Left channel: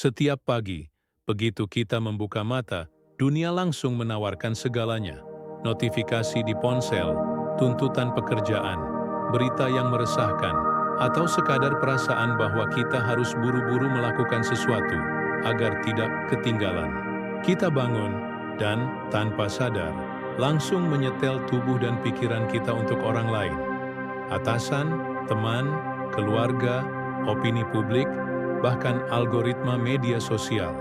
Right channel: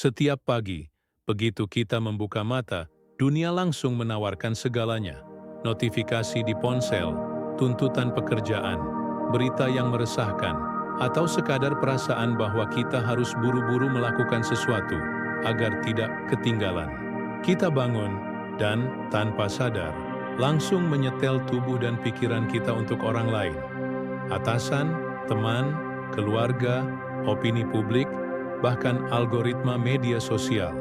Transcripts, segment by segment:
Setiap pagi, begitu kita membuka mata, dunia langsung menawarkan segalanya. Notifikasi di ponsel, tuntutan pekerjaan, berita yang meresahkan, atau sekadar perasaan bahwa kita harus buru-buru melakukan sesuatu agar tidak ketinggalan. Kita bangun dan, tanpa sadar, langsung menyetel tubuh dan pikiran kita untuk orang lain. Atasan, teman, keluarga, opini publik, bahkan algoritma media sosial.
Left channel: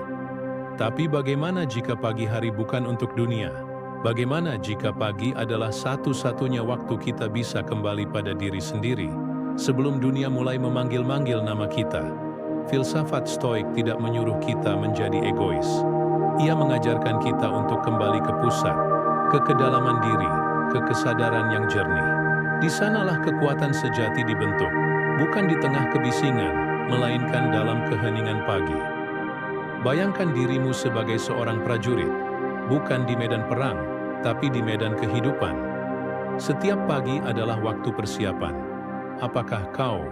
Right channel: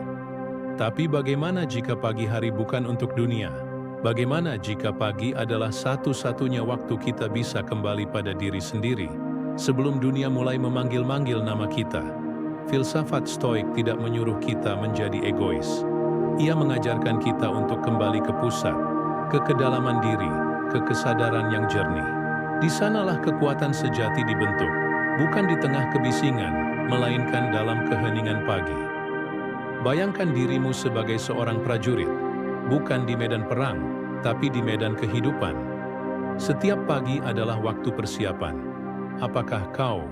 Tapi bagaimana jika pagi hari bukan untuk dunia? Bagaimana jika pagi adalah satu-satunya waktu kita bisa kembali pada diri sendiri, sebelum dunia mulai memanggil-manggil nama kita? Filsafat Stoik tidak menyuruh kita menjadi egois. Ia mengajarkan kita untuk kembali ke pusat, ke kedalaman diri, ke kesadaran yang jernih. Di sanalah kekuatan sejati dibentuk, bukan di tengah kebisingan, melainkan dalam keheningan pagi. Bayangkan dirimu sebagai seorang prajurit, bukan di medan perang, tapi di medan kehidupan. Setiap pagi adalah waktu persiapan. Apakah kau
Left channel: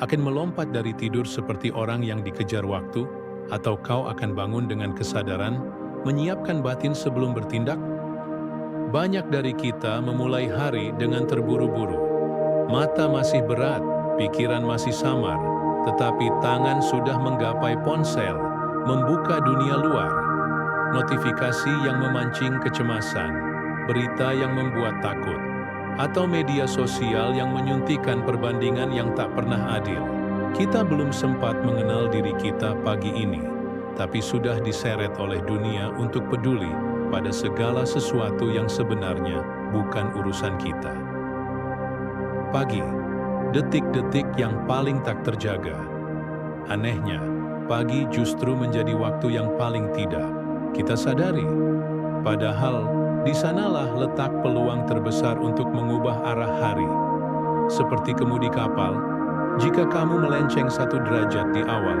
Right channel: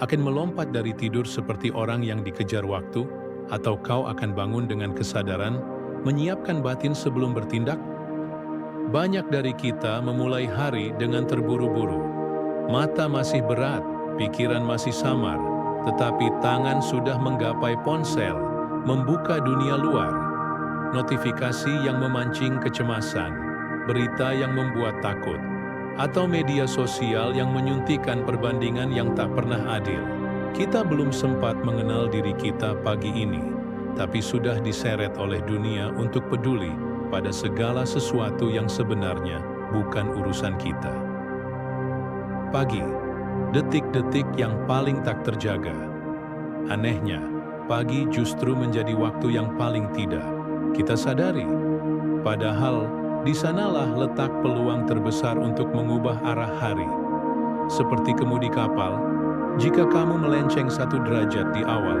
akan melompat dari tidur seperti orang yang dikejar waktu, atau kau akan bangun dengan kesadaran, menyiapkan batin sebelum bertindak? Banyak dari kita memulai hari dengan terburu-buru. Mata masih berat, pikiran masih samar, tetapi tangan sudah menggapai ponsel, membuka dunia luar. Notifikasi yang memancing kecemasan, berita yang membuat takut, atau media sosial yang menyuntikkan perbandingan yang tak pernah adil. Kita belum sempat mengenal diri kita pagi ini, tapi sudah diseret oleh dunia untuk peduli pada segala sesuatu yang sebenarnya bukan urusan kita. Pagi, detik-detik yang paling tak terjaga. Anehnya, pagi justru menjadi waktu yang paling tidak kita sadari. Padahal, di sanalah letak peluang terbesar untuk mengubah arah hari. Seperti kemudi kapal, jika kamu melenceng 1 derajat di awal,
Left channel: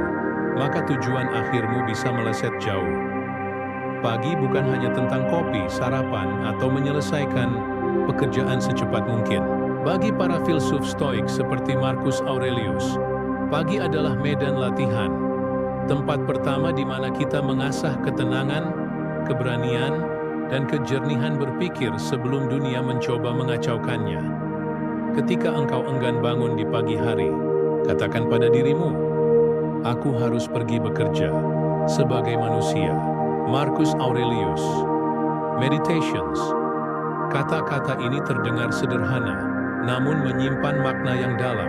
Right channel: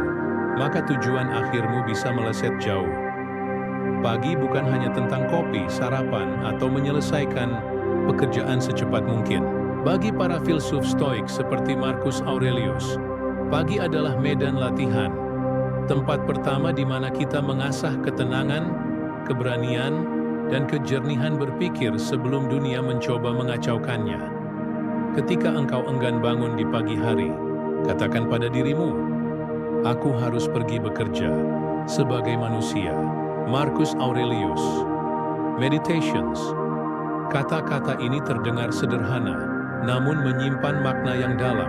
maka tujuan akhirmu bisa meleset jauh. Pagi bukan hanya tentang kopi, sarapan, atau menyelesaikan pekerjaan secepat mungkin. Bagi para filsuf Stoik seperti Marcus Aurelius, pagi adalah medan latihan. Tempat pertama di mana kita mengasah ketenangan, keberanian, dan kejernihan berpikir sebelum dunia mencoba mengacaukannya. Ketika engkau enggan bangun di pagi hari, katakan pada dirimu, "Aku harus pergi bekerja sebagai manusia." Marcus Aurelius. Meditations. Kata-kata ini terdengar sederhana, namun menyimpan makna yang dalam.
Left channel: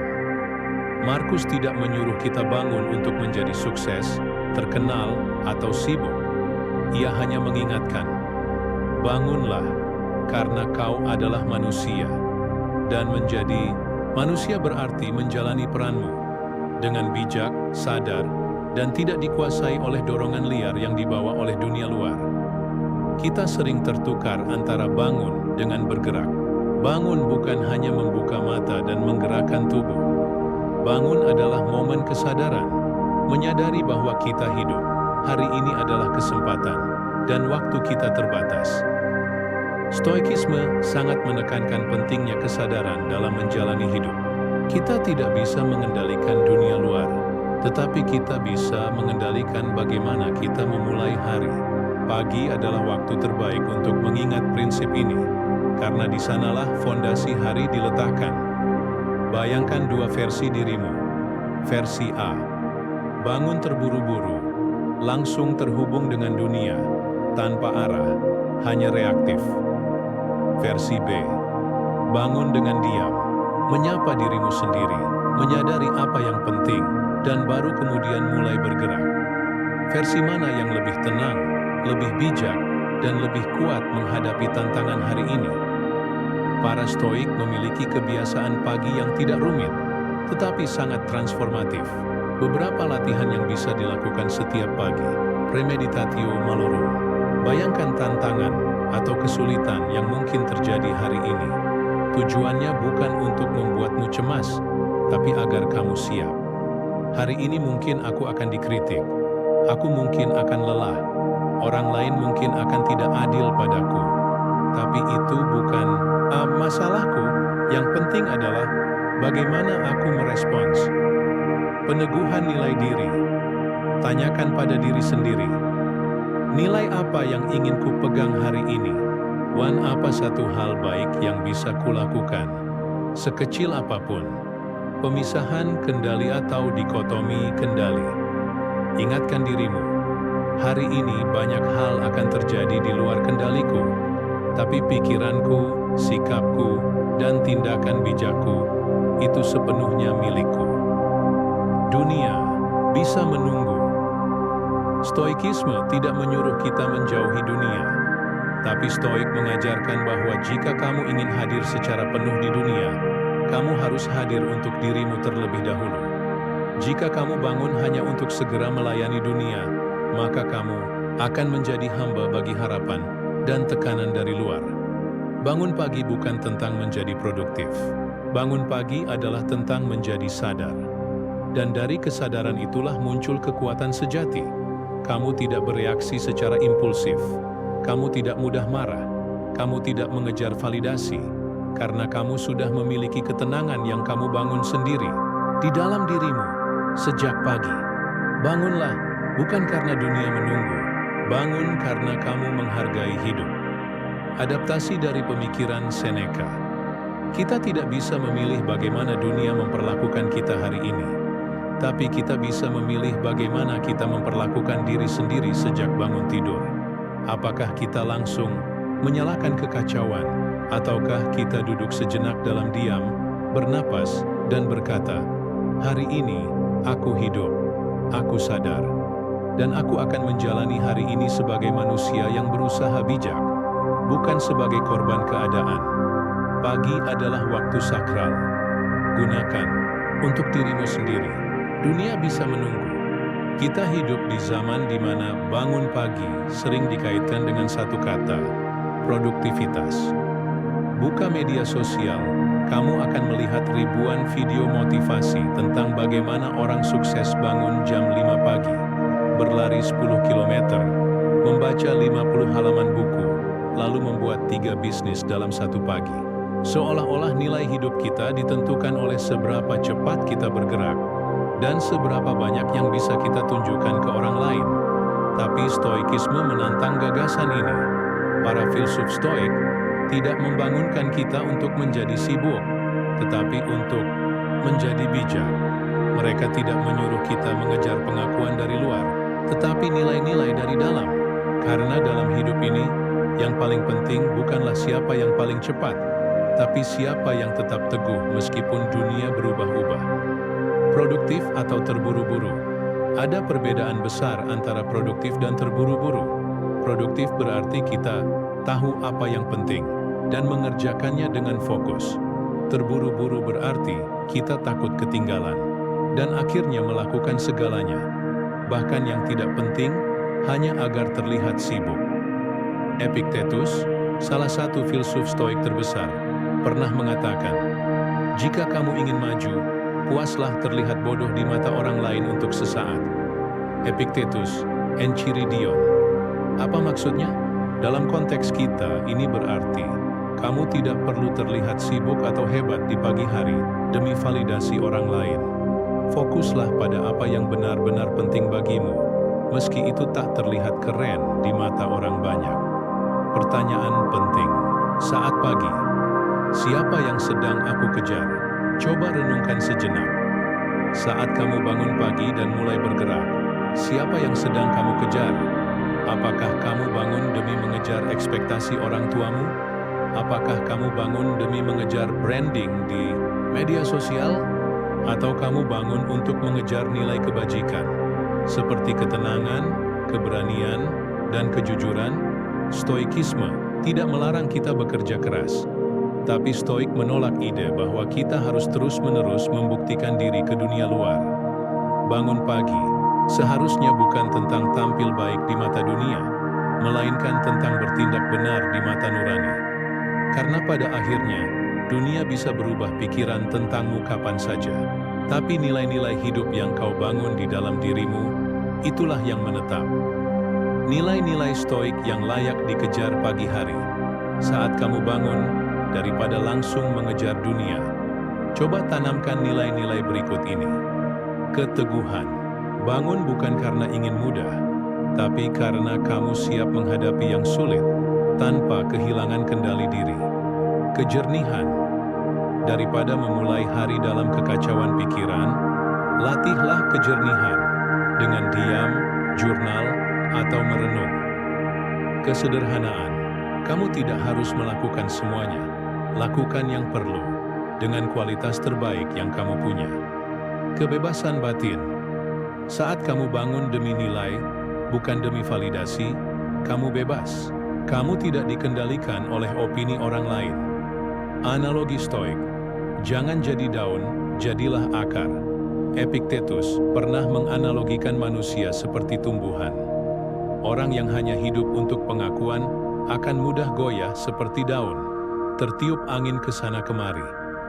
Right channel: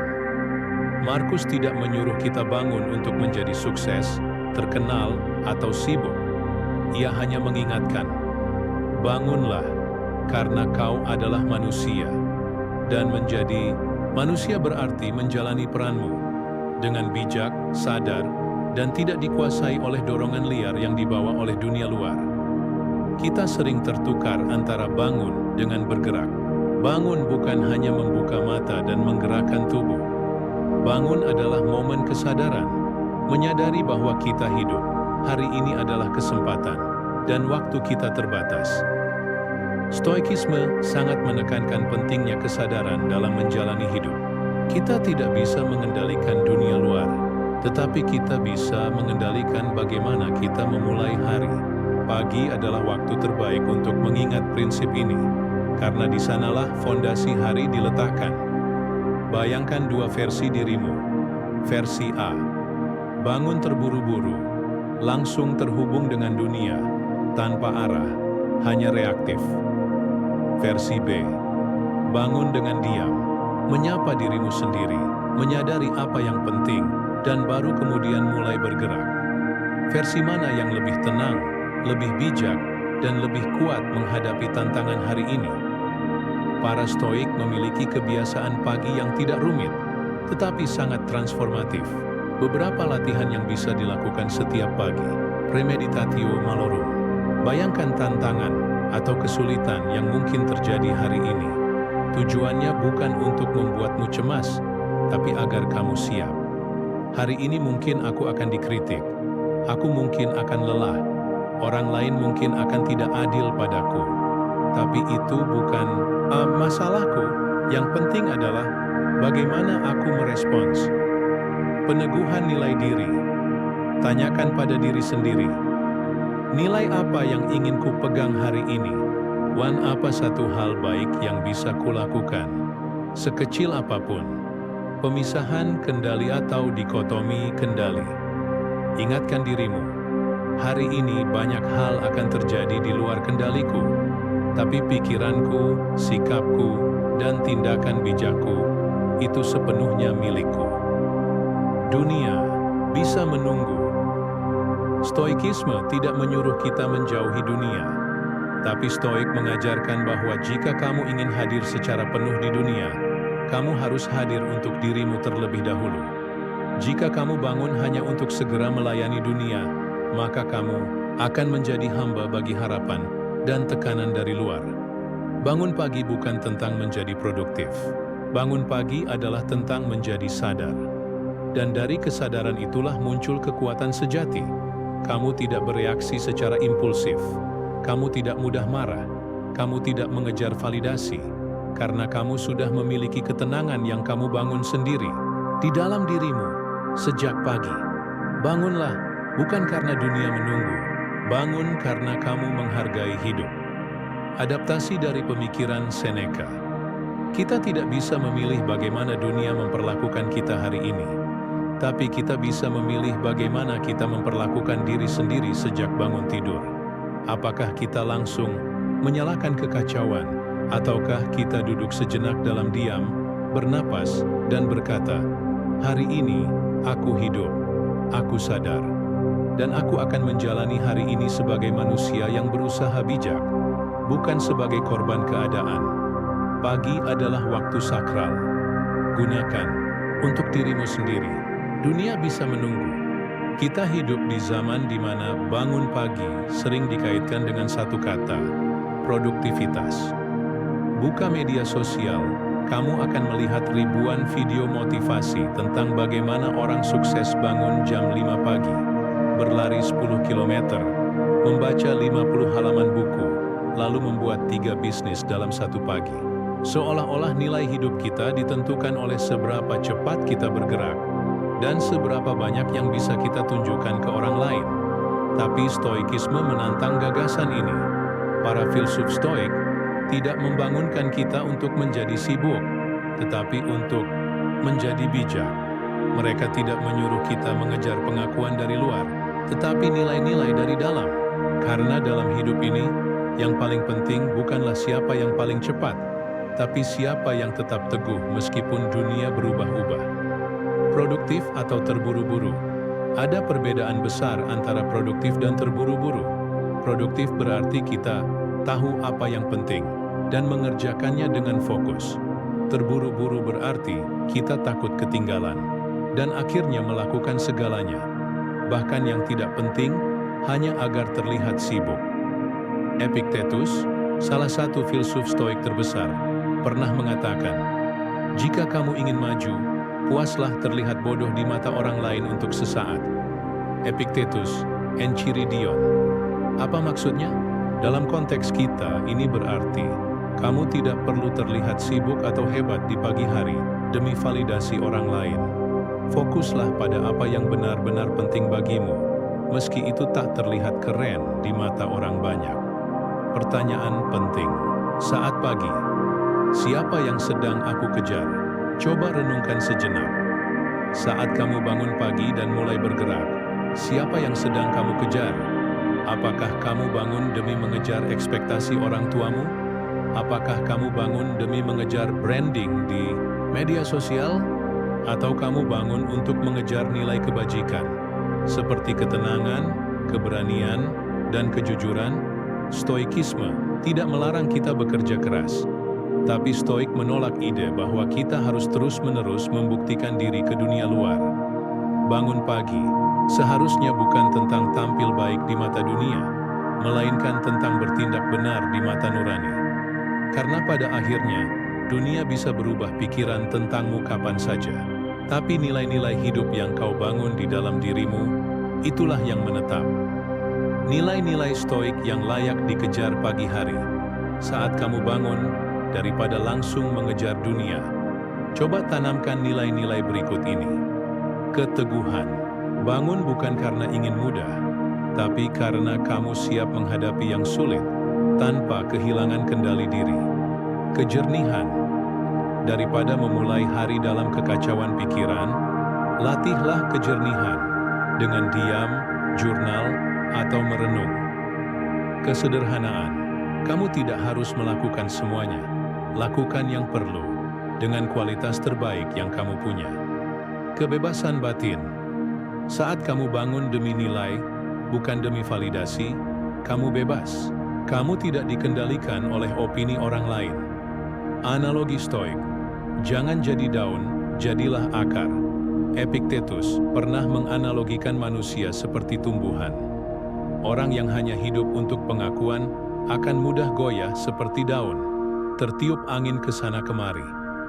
Markus tidak menyuruh kita bangun untuk menjadi sukses, terkenal, atau sibuk. Ia hanya mengingatkan, bangunlah, karena kau adalah manusia. Dan menjadi manusia berarti menjalani peranmu dengan bijak, sadar, dan tidak dikuasai oleh dorongan liar yang dibawa oleh dunia luar. Kita sering tertukar antara bangun dengan bergerak. Bangun bukan hanya membuka mata dan menggerakkan tubuh. Bangun adalah momen kesadaran, menyadari bahwa kita hidup. Hari ini adalah kesempatan, dan waktu kita terbatas. Stoikisme sangat menekankan pentingnya kesadaran dalam menjalani hidup. Kita tidak bisa mengendalikan dunia luar, tetapi kita bisa mengendalikan bagaimana kita memulai hari. Pagi adalah waktu terbaik untuk mengingat prinsip ini, karena di sanalah fondasi hari diletakkan. Bayangkan 2 versi dirimu. Versi A, bangun terburu-buru, langsung terhubung dengan dunia, tanpa arah, hanya reaktif. Versi B, bangun dengan diam, menyapa dirimu sendiri, menyadari apa yang penting, dan baru kemudian mulai bergerak. Versi mana yang lebih tenang, lebih bijak, dan lebih kuat menghadapi tantangan hari ini? Para Stoik memiliki kebiasaan pagi yang tidak rumit, tetapi sangat transformatif. Beberapa latihan yang bisa dilakukan setiap pagi. Premeditatio malorum. Bayangkan tantangan atau kesulitan yang mungkin terjadi hari ini. Tujuannya bukan untuk membuatmu cemas, tapi agar kamu siap. Hari ini mungkin aku akan dikritik. Aku mungkin akan lelah. Orang lain mungkin akan tidak adil padaku. Tapi itu bukan masalahku. Yang penting adalah bagaimana aku merespons. Peneguhan nilai diri. Tanyakan pada diri sendiri, nilai apa yang ingin ku pegang hari ini? Apa satu hal baik yang bisa kulakukan? Sekecil apapun. Pemisahan kendali atau dikotomi kendali. Ingatkan dirimu, hari ini banyak hal akan terjadi di luar kendaliku, tapi pikiranku, sikapku, dan tindakan bijakku itu sepenuhnya milikku. Dunia bisa menunggu. Stoikisme tidak menyuruh kita menjauhi dunia, tapi Stoik mengajarkan bahwa jika kamu ingin hadir secara penuh di dunia, kamu harus hadir untuk dirimu terlebih dahulu. Jika kamu bangun hanya untuk segera melayani dunia, maka kamu akan menjadi hamba bagi harapan dan tekanan dari luar. Bangun pagi bukan tentang menjadi produktif. Bangun pagi adalah tentang menjadi sadar. Dan dari kesadaran itulah muncul kekuatan sejati. Kamu tidak bereaksi secara impulsif. Kamu tidak mudah marah. Kamu tidak mengejar validasi. Karena kamu sudah memiliki ketenangan yang kamu bangun sendiri di dalam dirimu. Sejak pagi, bangunlah bukan karena dunia menunggu, bangun karena kamu menghargai hidup. Adaptasi dari pemikiran Seneca. Kita tidak bisa memilih bagaimana dunia memperlakukan kita hari ini, tapi kita bisa memilih bagaimana kita memperlakukan diri sendiri sejak bangun tidur. Apakah kita langsung menyalakan kekacauan, ataukah kita duduk sejenak dalam diam, bernapas, dan berkata, hari ini, aku hidup, aku sadar, dan aku akan menjalani hari ini sebagai manusia yang berusaha bijak, bukan sebagai korban keadaan. Pagi adalah waktu sakral. Gunakan untuk dirimu sendiri. Dunia bisa menunggu. Kita hidup di zaman di mana bangun pagi sering dikaitkan dengan satu kata, produktivitas. Buka media sosial, kamu akan melihat ribuan video motivasi tentang bagaimana orang sukses bangun jam 5 pagi, berlari 10 km, membaca 50 halaman buku, lalu membuat 3 bisnis dalam satu pagi. Seolah-olah nilai hidup kita ditentukan oleh seberapa cepat kita bergerak, dan seberapa banyak yang bisa kita tunjukkan ke orang lain. Tapi Stoikisme menantang gagasan ini. Para filsuf Stoik tidak membangunkan kita untuk menjadi sibuk, tetapi untuk menjadi bijak. Mereka tidak menyuruh kita mengejar pengakuan dari luar, tetapi nilai-nilai dari dalam. Karena dalam hidup ini, yang paling penting bukanlah siapa yang paling cepat, tapi siapa yang tetap teguh meskipun dunia berubah-ubah. Produktif atau terburu-buru. Ada perbedaan besar antara produktif dan terburu-buru. Produktif berarti kita tahu apa yang penting dan mengerjakannya dengan fokus. Terburu-buru berarti kita takut ketinggalan dan akhirnya melakukan segalanya, bahkan yang tidak penting, hanya agar terlihat sibuk. Epictetus, salah satu filsuf Stoik terbesar, pernah mengatakan, jika kamu ingin maju, puaslah terlihat bodoh di mata orang lain untuk sesaat. Epictetus, Enchiridion. Apa maksudnya? Dalam konteks kita, ini berarti kamu tidak perlu terlihat sibuk atau hebat di pagi hari demi validasi orang lain. Fokuslah pada apa yang benar-benar penting bagimu, meski itu tak terlihat keren di mata orang banyak. Pertanyaan penting saat pagi, siapa yang sedang aku kejar? Coba renungkan sejenak. Saat kamu bangun pagi dan mulai bergerak, siapa yang sedang kamu kejar? Apakah kamu bangun demi mengejar ekspektasi orang tuamu? Apakah kamu bangun demi mengejar branding di media sosial? Atau kamu bangun untuk mengejar nilai kebajikan, seperti ketenangan, keberanian, dan kejujuran? Stoikisme tidak melarang kita bekerja keras, tapi Stoik menolak ide bahwa kita harus terus-menerus membuktikan diri ke dunia luar. Bangun pagi seharusnya bukan tentang tampil baik di mata dunia, melainkan tentang bertindak benar di mata nurani. Karena pada akhirnya, dunia bisa berubah pikiran tentangmu kapan saja. Tapi nilai-nilai hidup yang kau bangun di dalam dirimu, itulah yang menetap. Nilai-nilai Stoik yang layak dikejar pagi hari. Saat kamu bangun, daripada langsung mengejar dunia, coba tanamkan nilai-nilai berikut ini. Keteguhan. Bangun bukan karena ingin mudah, tapi karena kamu siap menghadapi yang sulit tanpa kehilangan kendali diri. Kejernihan. Daripada memulai hari dalam kekacauan pikiran, latihlah kejernihan dengan diam, jurnal, atau merenung. Kesederhanaan. Kamu tidak harus melakukan semuanya. Lakukan yang perlu dengan kualitas terbaik yang kamu punya. Kebebasan batin. Saat kamu bangun demi nilai, bukan demi validasi, kamu bebas. Kamu tidak dikendalikan oleh opini orang lain. Analogi stoik. Jangan jadi daun, jadilah akar. Epictetus pernah menganalogikan manusia seperti tumbuhan. Orang yang hanya hidup untuk pengakuan akan mudah goyah seperti daun, tertiup angin ke sana kemari.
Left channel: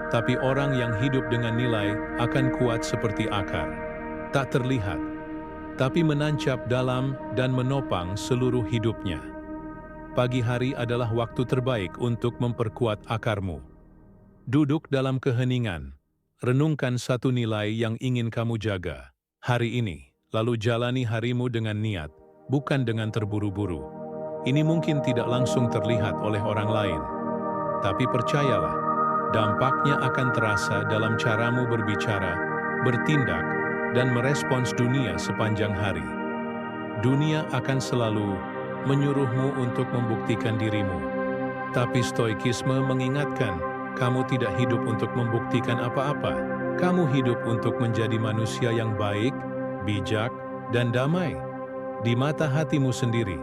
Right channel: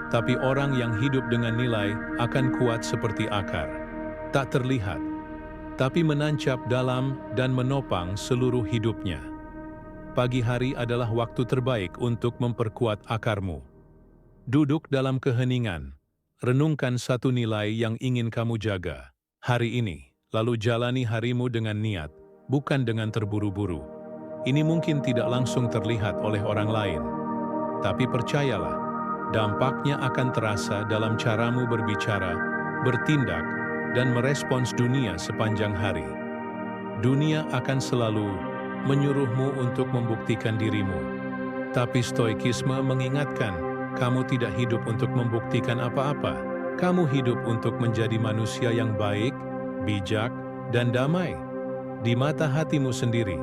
Tapi orang yang hidup dengan nilai akan kuat seperti akar. Tak terlihat, tapi menancap dalam dan menopang seluruh hidupnya. Pagi hari adalah waktu terbaik untuk memperkuat akarmu. Duduk dalam keheningan, renungkan satu nilai yang ingin kamu jaga hari ini, lalu jalani harimu dengan niat, bukan dengan terburu-buru. Ini mungkin tidak langsung terlihat oleh orang lain, tapi percayalah, dampaknya akan terasa dalam caramu berbicara, bertindak, dan merespons dunia sepanjang hari. Dunia akan selalu menyuruhmu untuk membuktikan dirimu. Tapi stoikisme mengingatkan, kamu tidak hidup untuk membuktikan apa-apa. Kamu hidup untuk menjadi manusia yang baik, bijak, dan damai di mata hatimu sendiri.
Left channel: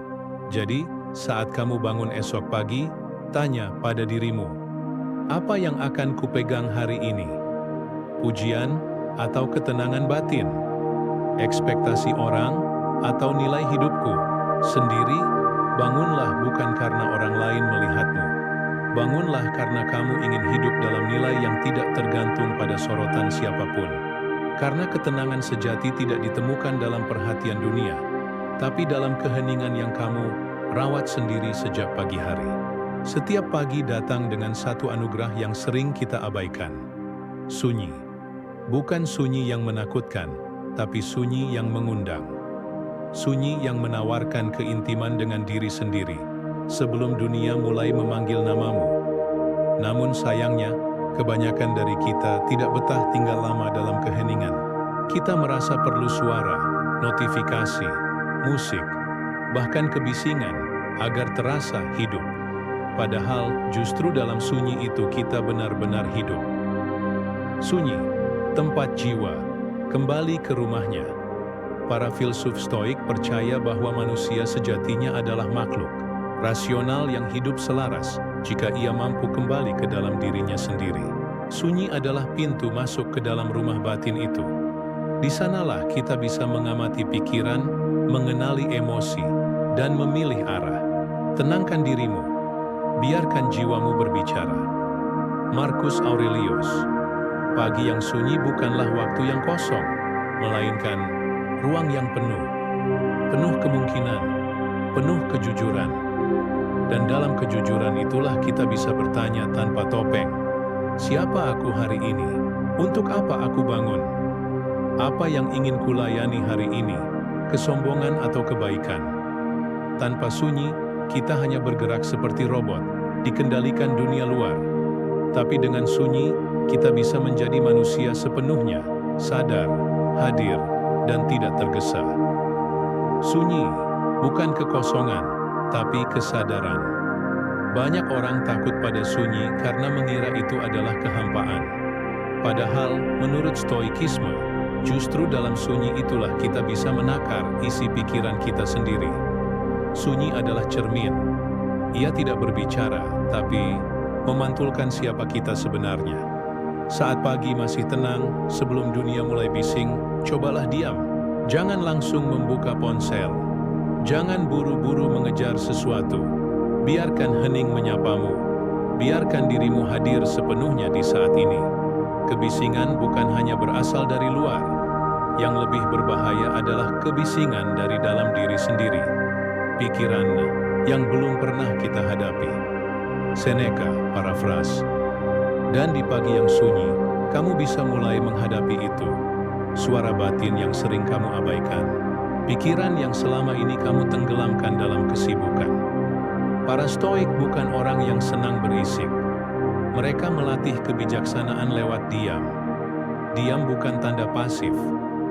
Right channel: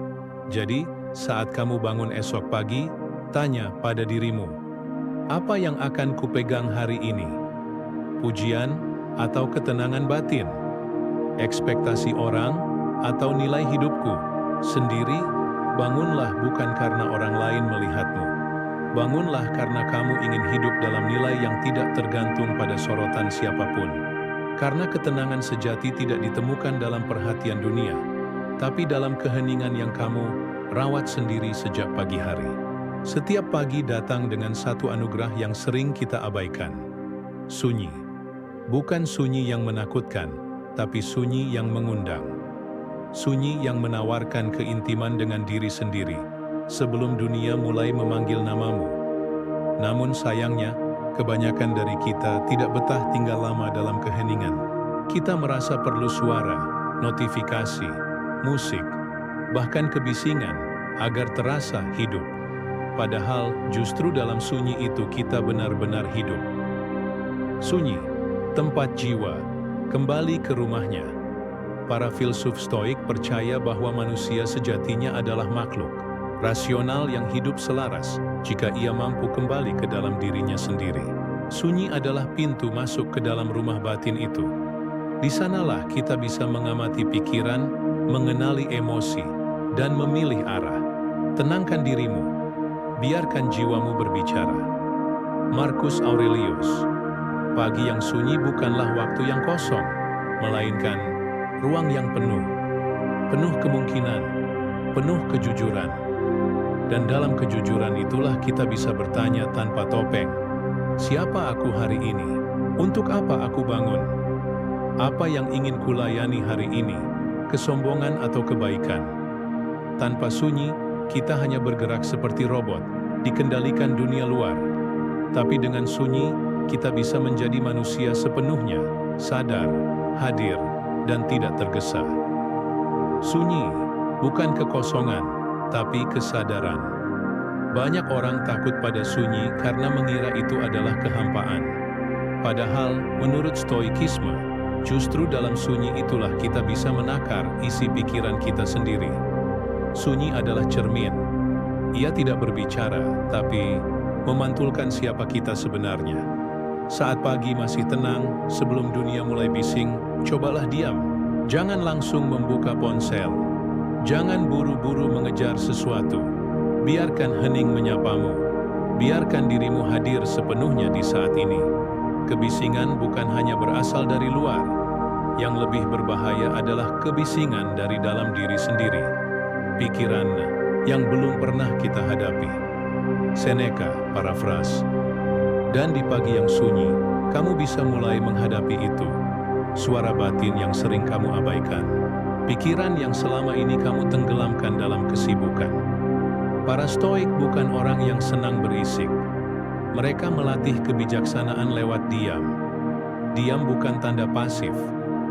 Jadi, saat kamu bangun esok pagi, tanya pada dirimu, apa yang akan kupegang hari ini? Pujian atau ketenangan batin? Ekspektasi orang atau nilai hidupku sendiri? Bangunlah bukan karena orang lain melihatmu. Bangunlah karena kamu ingin hidup dalam nilai yang tidak tergantung pada sorotan siapapun. Karena ketenangan sejati tidak ditemukan dalam perhatian dunia, tapi dalam keheningan yang kamu rawat sendiri sejak pagi hari. Setiap pagi datang dengan satu anugerah yang sering kita abaikan. Sunyi. Bukan sunyi yang menakutkan, tapi sunyi yang mengundang. Sunyi yang menawarkan keintiman dengan diri sendiri, sebelum dunia mulai memanggil namamu. Namun sayangnya, kebanyakan dari kita tidak betah tinggal lama dalam keheningan. Kita merasa perlu suara, notifikasi, musik, bahkan kebisingan, agar terasa hidup. Padahal justru dalam sunyi itu kita benar-benar hidup. Sunyi, tempat jiwa, kembali ke rumahnya. Para filsuf stoik percaya bahwa manusia sejatinya adalah makhluk rasional yang hidup selaras jika ia mampu kembali ke dalam dirinya sendiri. Sunyi adalah pintu masuk ke dalam rumah batin itu. Di sanalah kita bisa mengamati pikiran, mengenali emosi, dan memilih arah. Tenangkan dirimu, biarkan jiwamu berbicara. Marcus Aurelius. Pagi yang sunyi bukanlah waktu yang kosong, melainkan ruang yang penuh kemungkinan, penuh kejujuran. Dan dalam kejujuran itulah kita bisa bertanya tanpa topeng, siapa aku hari ini? Untuk apa aku bangun? Apa yang ingin kulayani hari ini? Kesombongan atau kebaikan? Tanpa sunyi, kita hanya bergerak seperti robot, dikendalikan dunia luar. Tapi dengan sunyi, kita bisa menjadi manusia sepenuhnya, sadar, hadir, dan tidak tergesa. Sunyi, bukan kekosongan, tapi kesadaran. Banyak orang takut pada sunyi karena mengira itu adalah kehampaan. Padahal, menurut stoikisme, justru dalam sunyi itulah kita bisa menakar isi pikiran kita sendiri. Sunyi adalah cermin. Ia tidak berbicara, tapi memantulkan siapa kita sebenarnya. Saat pagi masih tenang, sebelum dunia mulai bising, cobalah diam. Jangan langsung membuka ponsel. Jangan buru-buru mengejar sesuatu. Biarkan hening menyapamu. Biarkan dirimu hadir sepenuhnya di saat ini. Kebisingan bukan hanya berasal dari luar. Yang lebih berbahaya adalah kebisingan dari dalam diri sendiri. Pikiran yang belum pernah kita hadapi. Seneca, parafras. Dan di pagi yang sunyi, kamu bisa mulai menghadapi itu. suara batin yang sering kamu abaikan, pikiran yang selama ini kamu tenggelamkan dalam kesibukan. Para Stoik bukan orang yang senang berisik. Mereka melatih kebijaksanaan lewat diam. Diam bukan tanda pasif,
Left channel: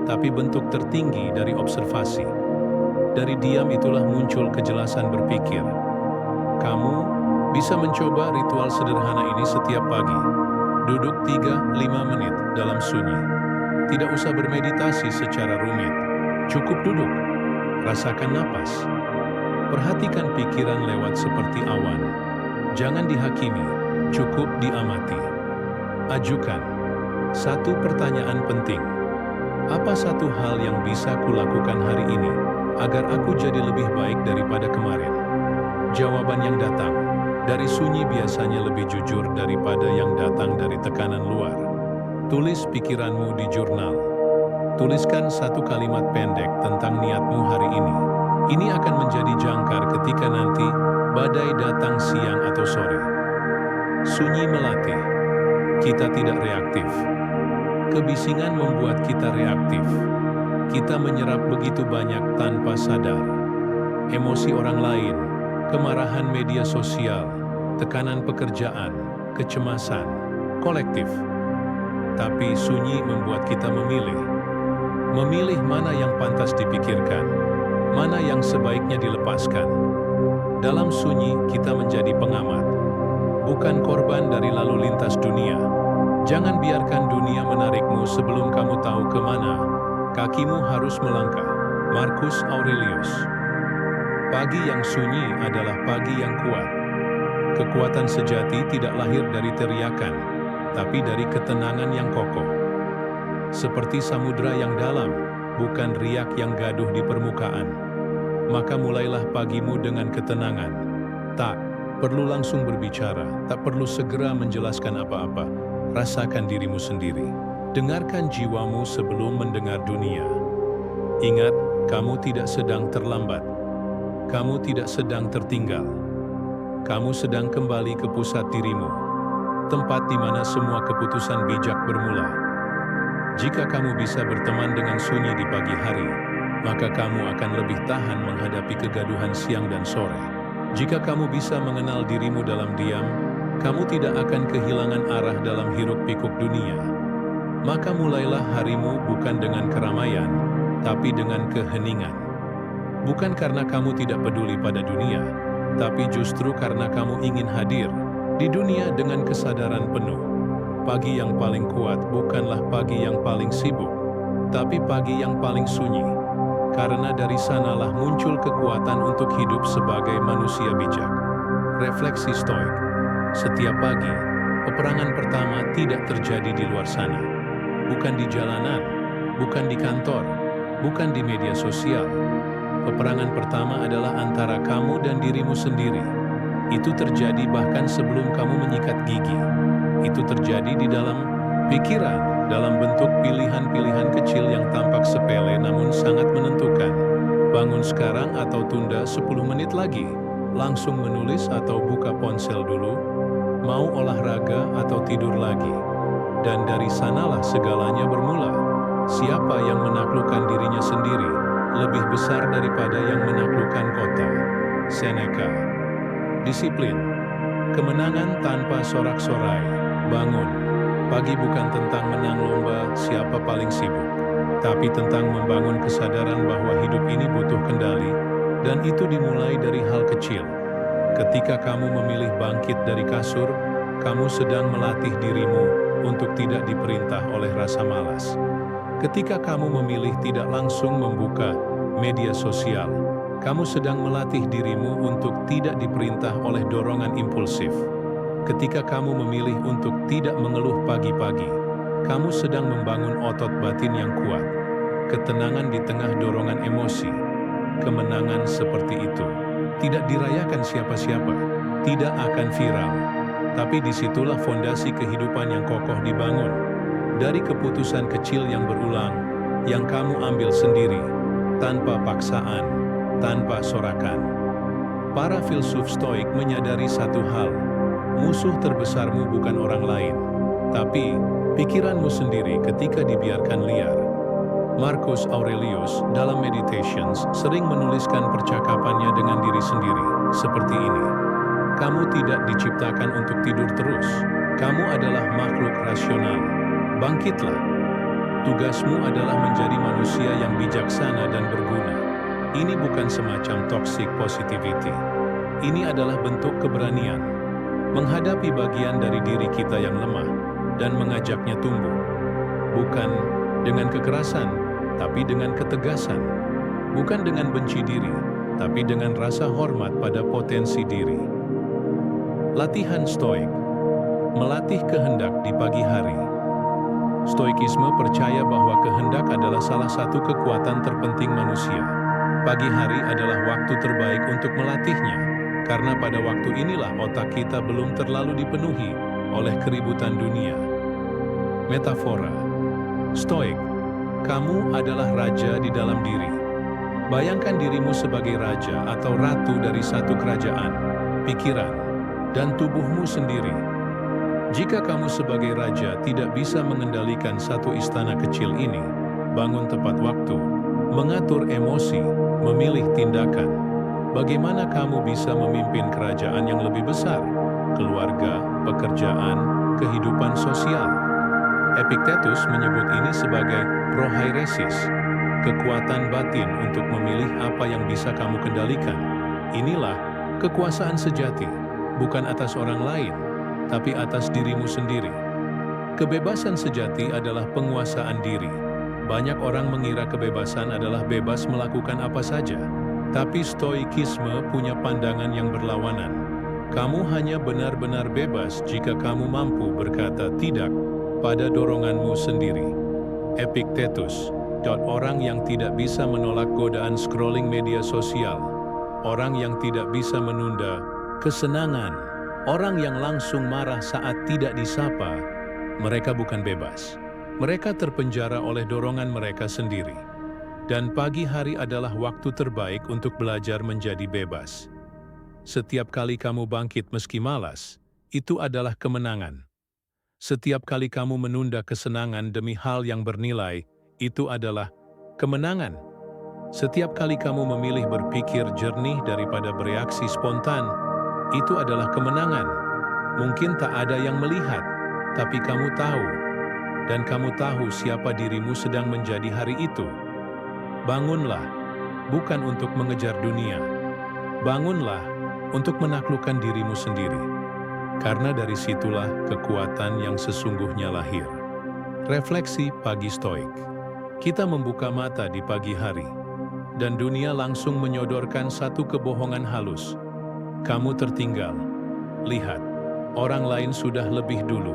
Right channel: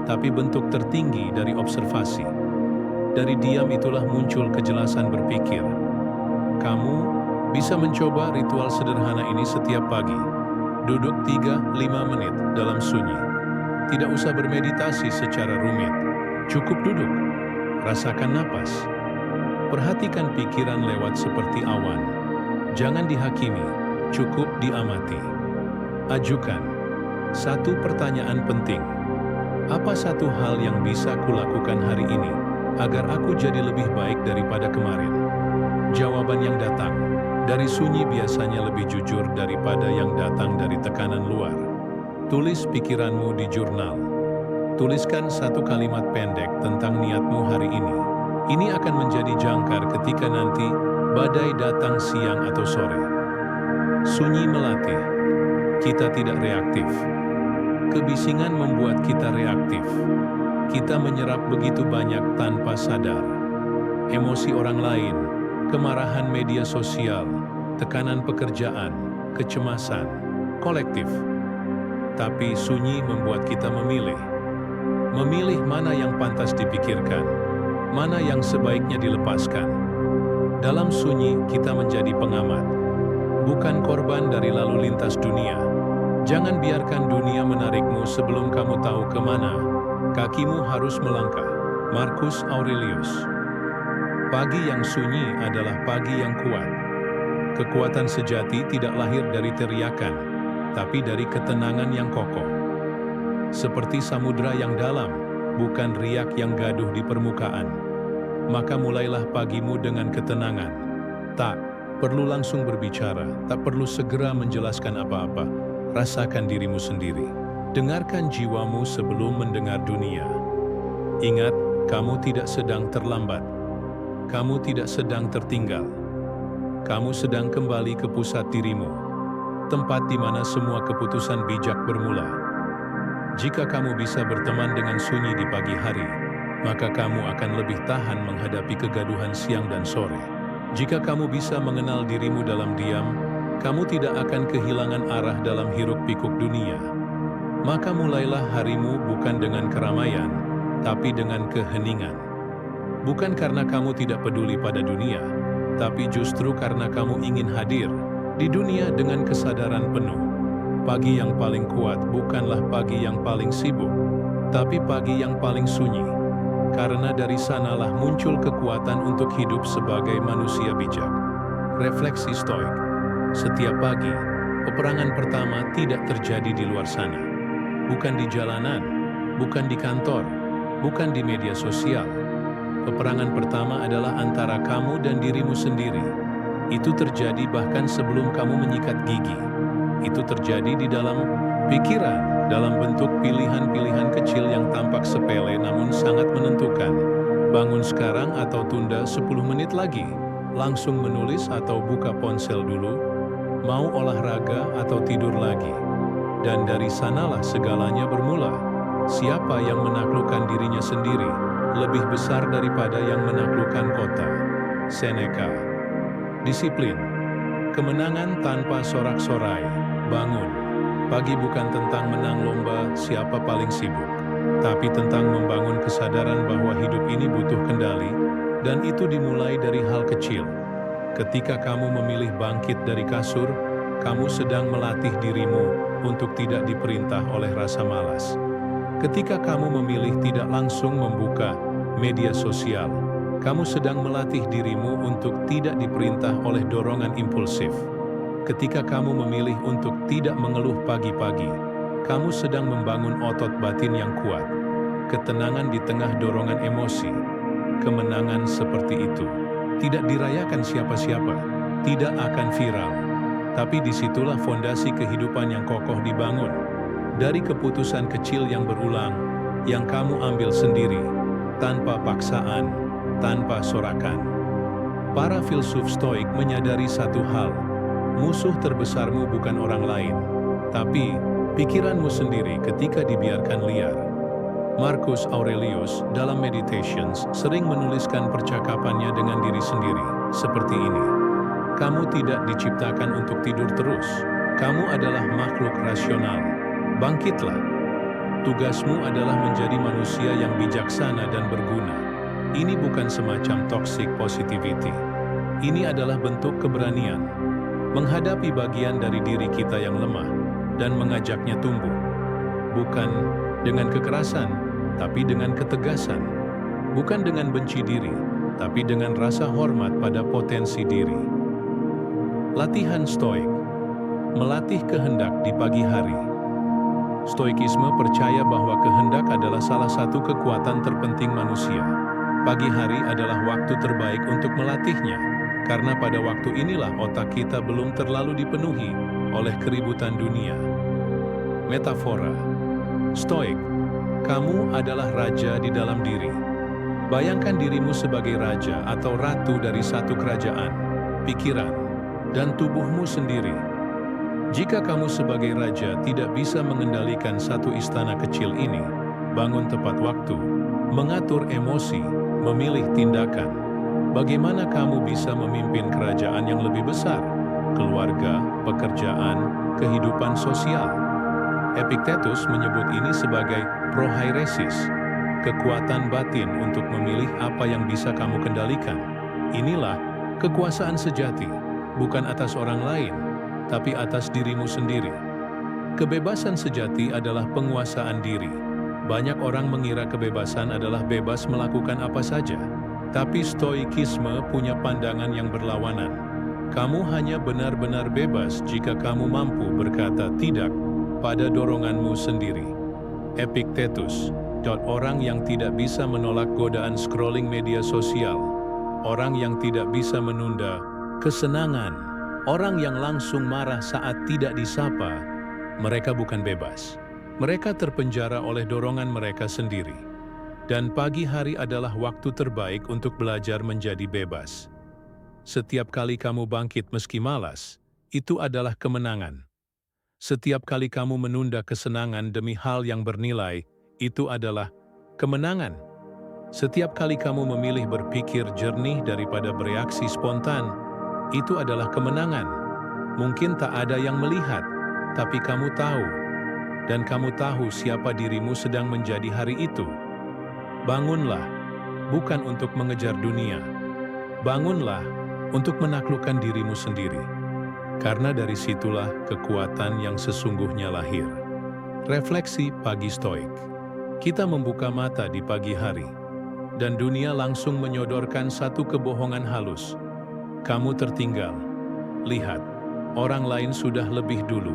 tapi bentuk tertinggi dari observasi. Dari diam itulah muncul kejelasan berpikir. Kamu bisa mencoba ritual sederhana ini setiap pagi. Duduk 3-5 menit dalam sunyi. Tidak usah bermeditasi secara rumit. Cukup duduk. Rasakan napas. Perhatikan pikiran lewat seperti awan. Jangan dihakimi, cukup diamati. Ajukan satu pertanyaan penting. Apa satu hal yang bisa kulakukan hari ini agar aku jadi lebih baik daripada kemarin? Jawaban yang datang dari sunyi biasanya lebih jujur daripada yang datang dari tekanan luar. Tulis pikiranmu di jurnal. Tuliskan satu kalimat pendek tentang niatmu hari ini. Ini akan menjadi jangkar ketika nanti badai datang siang atau sore. Sunyi melatih. Kita tidak reaktif. Kebisingan membuat kita reaktif. Kita menyerap begitu banyak tanpa sadar. Emosi orang lain, kemarahan media sosial, tekanan pekerjaan, kecemasan, kolektif. Tapi sunyi membuat kita memilih. Memilih mana yang pantas dipikirkan, mana yang sebaiknya dilepaskan. Dalam sunyi kita menjadi pengamat, bukan korban dari lalu lintas dunia. Jangan biarkan dunia menarikmu sebelum kamu tahu kemana kakimu harus melangkah. Marcus Aurelius. Pagi yang sunyi adalah pagi yang kuat. Kekuatan sejati tidak lahir dari teriakan, tapi dari ketenangan yang kokoh. Seperti samudra yang dalam, bukan riak yang gaduh di permukaan. Maka mulailah pagimu dengan ketenangan. Tak perlu langsung berbicara, tak perlu segera menjelaskan apa-apa. Rasakan dirimu sendiri. Dengarkan jiwamu sebelum mendengar dunia. Ingat, kamu tidak sedang terlambat. Kamu tidak sedang tertinggal. Kamu sedang kembali ke pusat dirimu, tempat di mana semua keputusan bijak bermula. Jika kamu bisa berteman dengan sunyi di pagi hari, maka kamu akan lebih tahan menghadapi kegaduhan siang dan sore. Jika kamu bisa mengenal dirimu dalam diam, kamu tidak akan kehilangan arah dalam hiruk-pikuk dunia. Maka mulailah harimu bukan dengan keramaian, tapi dengan keheningan. Bukan karena kamu tidak peduli pada dunia, tapi justru karena kamu ingin hadir di dunia dengan kesadaran penuh. Pagi yang paling kuat bukanlah pagi yang paling sibuk, tapi pagi yang paling sunyi. Karena dari sanalah muncul kekuatan untuk hidup sebagai manusia bijak. Refleksi Stoik. Setiap pagi, peperangan pertama tidak terjadi di luar sana. Bukan di jalanan, bukan di kantor, bukan di media sosial. Peperangan pertama adalah antara kamu dan dirimu sendiri. Itu terjadi bahkan sebelum kamu menyikat gigi. Itu terjadi di dalam pikiran, dalam bentuk pilihan-pilihan kecil yang tampak sepele namun sangat menentukan. Bangun sekarang atau tunda 10 menit lagi. Langsung menulis atau buka ponsel dulu. Mau olahraga atau tidur lagi. Dan dari sanalah segalanya bermula. Siapa yang menaklukkan dirinya sendiri lebih besar daripada yang menaklukkan kota. Seneca. Disiplin. Kemenangan tanpa sorak-sorai. Bangun. Pagi bukan tentang menang lomba siapa paling sibuk, tapi tentang membangun kesadaran bahwa hidup ini butuh kendali, dan itu dimulai dari hal kecil. Ketika kamu memilih bangkit dari kasur, kamu sedang melatih dirimu untuk tidak diperintah oleh rasa malas. Ketika kamu memilih tidak langsung membuka media sosial, kamu sedang melatih dirimu untuk tidak diperintah oleh dorongan impulsif. Ketika kamu memilih untuk tidak mengeluh pagi-pagi, kamu sedang membangun otot batin yang kuat. Ketenangan di tengah dorongan emosi. Kemenangan seperti itu tidak dirayakan siapa-siapa, tidak akan viral. Tapi disitulah fondasi kehidupan yang kokoh dibangun. Dari keputusan kecil yang berulang, yang kamu ambil sendiri, tanpa paksaan, tanpa sorakan. Para filsuf Stoik menyadari satu hal. Musuh terbesarmu bukan orang lain, tapi pikiranmu sendiri ketika dibiarkan liar. Marcus Aurelius dalam Meditations sering menuliskan percakapannya dengan diri sendiri, seperti ini. Kamu tidak diciptakan untuk tidur terus. Kamu adalah makhluk rasional. Bangkitlah. Tugasmu adalah menjadi manusia yang bijaksana dan berguna. Ini bukan semacam toxic positivity. Ini adalah bentuk keberanian. Menghadapi bagian dari diri kita yang lemah dan mengajaknya tumbuh. Bukan dengan kekerasan, tapi dengan ketegasan. Bukan dengan benci diri, tapi dengan rasa hormat pada potensi diri. Latihan stoik. Melatih kehendak di pagi hari. Stoikisme percaya bahwa kehendak adalah salah satu kekuatan terpenting manusia. Pagi hari adalah waktu terbaik untuk melatihnya, karena pada waktu inilah otak kita belum terlalu dipenuhi oleh keributan dunia. Metafora. Stoik, kamu adalah raja di dalam diri. Bayangkan dirimu sebagai raja atau ratu dari satu kerajaan, pikiran, dan tubuhmu sendiri. Jika kamu sebagai raja tidak bisa mengendalikan satu istana kecil ini, bangun tepat waktu, mengatur emosi, memilih tindakan, bagaimana kamu bisa memimpin kerajaan yang lebih besar, keluarga, pekerjaan, kehidupan sosial? Epictetus menyebut ini sebagai prohairesis, kekuatan batin untuk memilih apa yang bisa kamu kendalikan. Inilah kekuasaan sejati, bukan atas orang lain, tapi atas dirimu sendiri. Kebebasan sejati adalah penguasaan diri. Banyak orang mengira kebebasan adalah bebas melakukan apa saja, tapi stoikisme punya pandangan yang berlawanan. Kamu hanya benar-benar bebas jika kamu mampu berkata tidak pada doronganmu sendiri. Epictetus, orang yang tidak bisa menolak godaan scrolling media sosial, orang yang tidak bisa menunda kesenangan, orang yang langsung marah saat tidak disapa, mereka bukan bebas. Mereka terpenjara oleh dorongan mereka sendiri. Dan pagi hari adalah waktu terbaik untuk belajar menjadi bebas. Setiap kali kamu bangkit meski malas, itu adalah kemenangan. Setiap kali kamu menunda kesenangan demi hal yang bernilai, itu adalah kemenangan. Setiap kali kamu memilih berpikir jernih daripada bereaksi spontan, itu adalah kemenangan. Mungkin tak ada yang melihat, tapi kamu tahu. Dan kamu tahu siapa dirimu sedang menjadi hari itu. Bangunlah, bukan untuk mengejar dunia. Bangunlah untuk menaklukkan dirimu sendiri. Karena dari situlah kekuatan yang sesungguhnya lahir. Refleksi pagi stoik. Kita membuka mata di pagi hari, dan dunia langsung menyodorkan satu kebohongan halus. Kamu tertinggal. Lihat, orang lain sudah lebih dulu.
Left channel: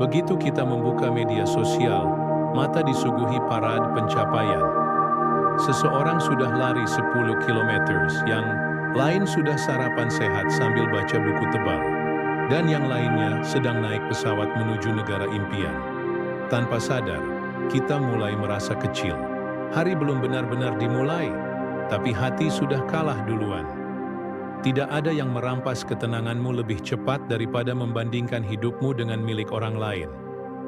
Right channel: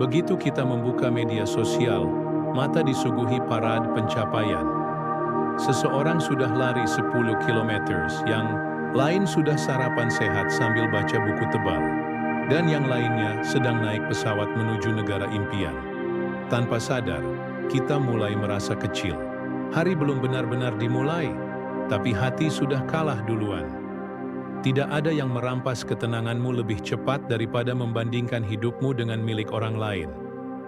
Begitu kita membuka media sosial, mata disuguhi parade pencapaian. Seseorang sudah lari 10 km, yang lain sudah sarapan sehat sambil baca buku tebal, dan yang lainnya sedang naik pesawat menuju negara impian. Tanpa sadar, kita mulai merasa kecil. Hari belum benar-benar dimulai, tapi hati sudah kalah duluan. Tidak ada yang merampas ketenanganmu lebih cepat daripada membandingkan hidupmu dengan milik orang lain.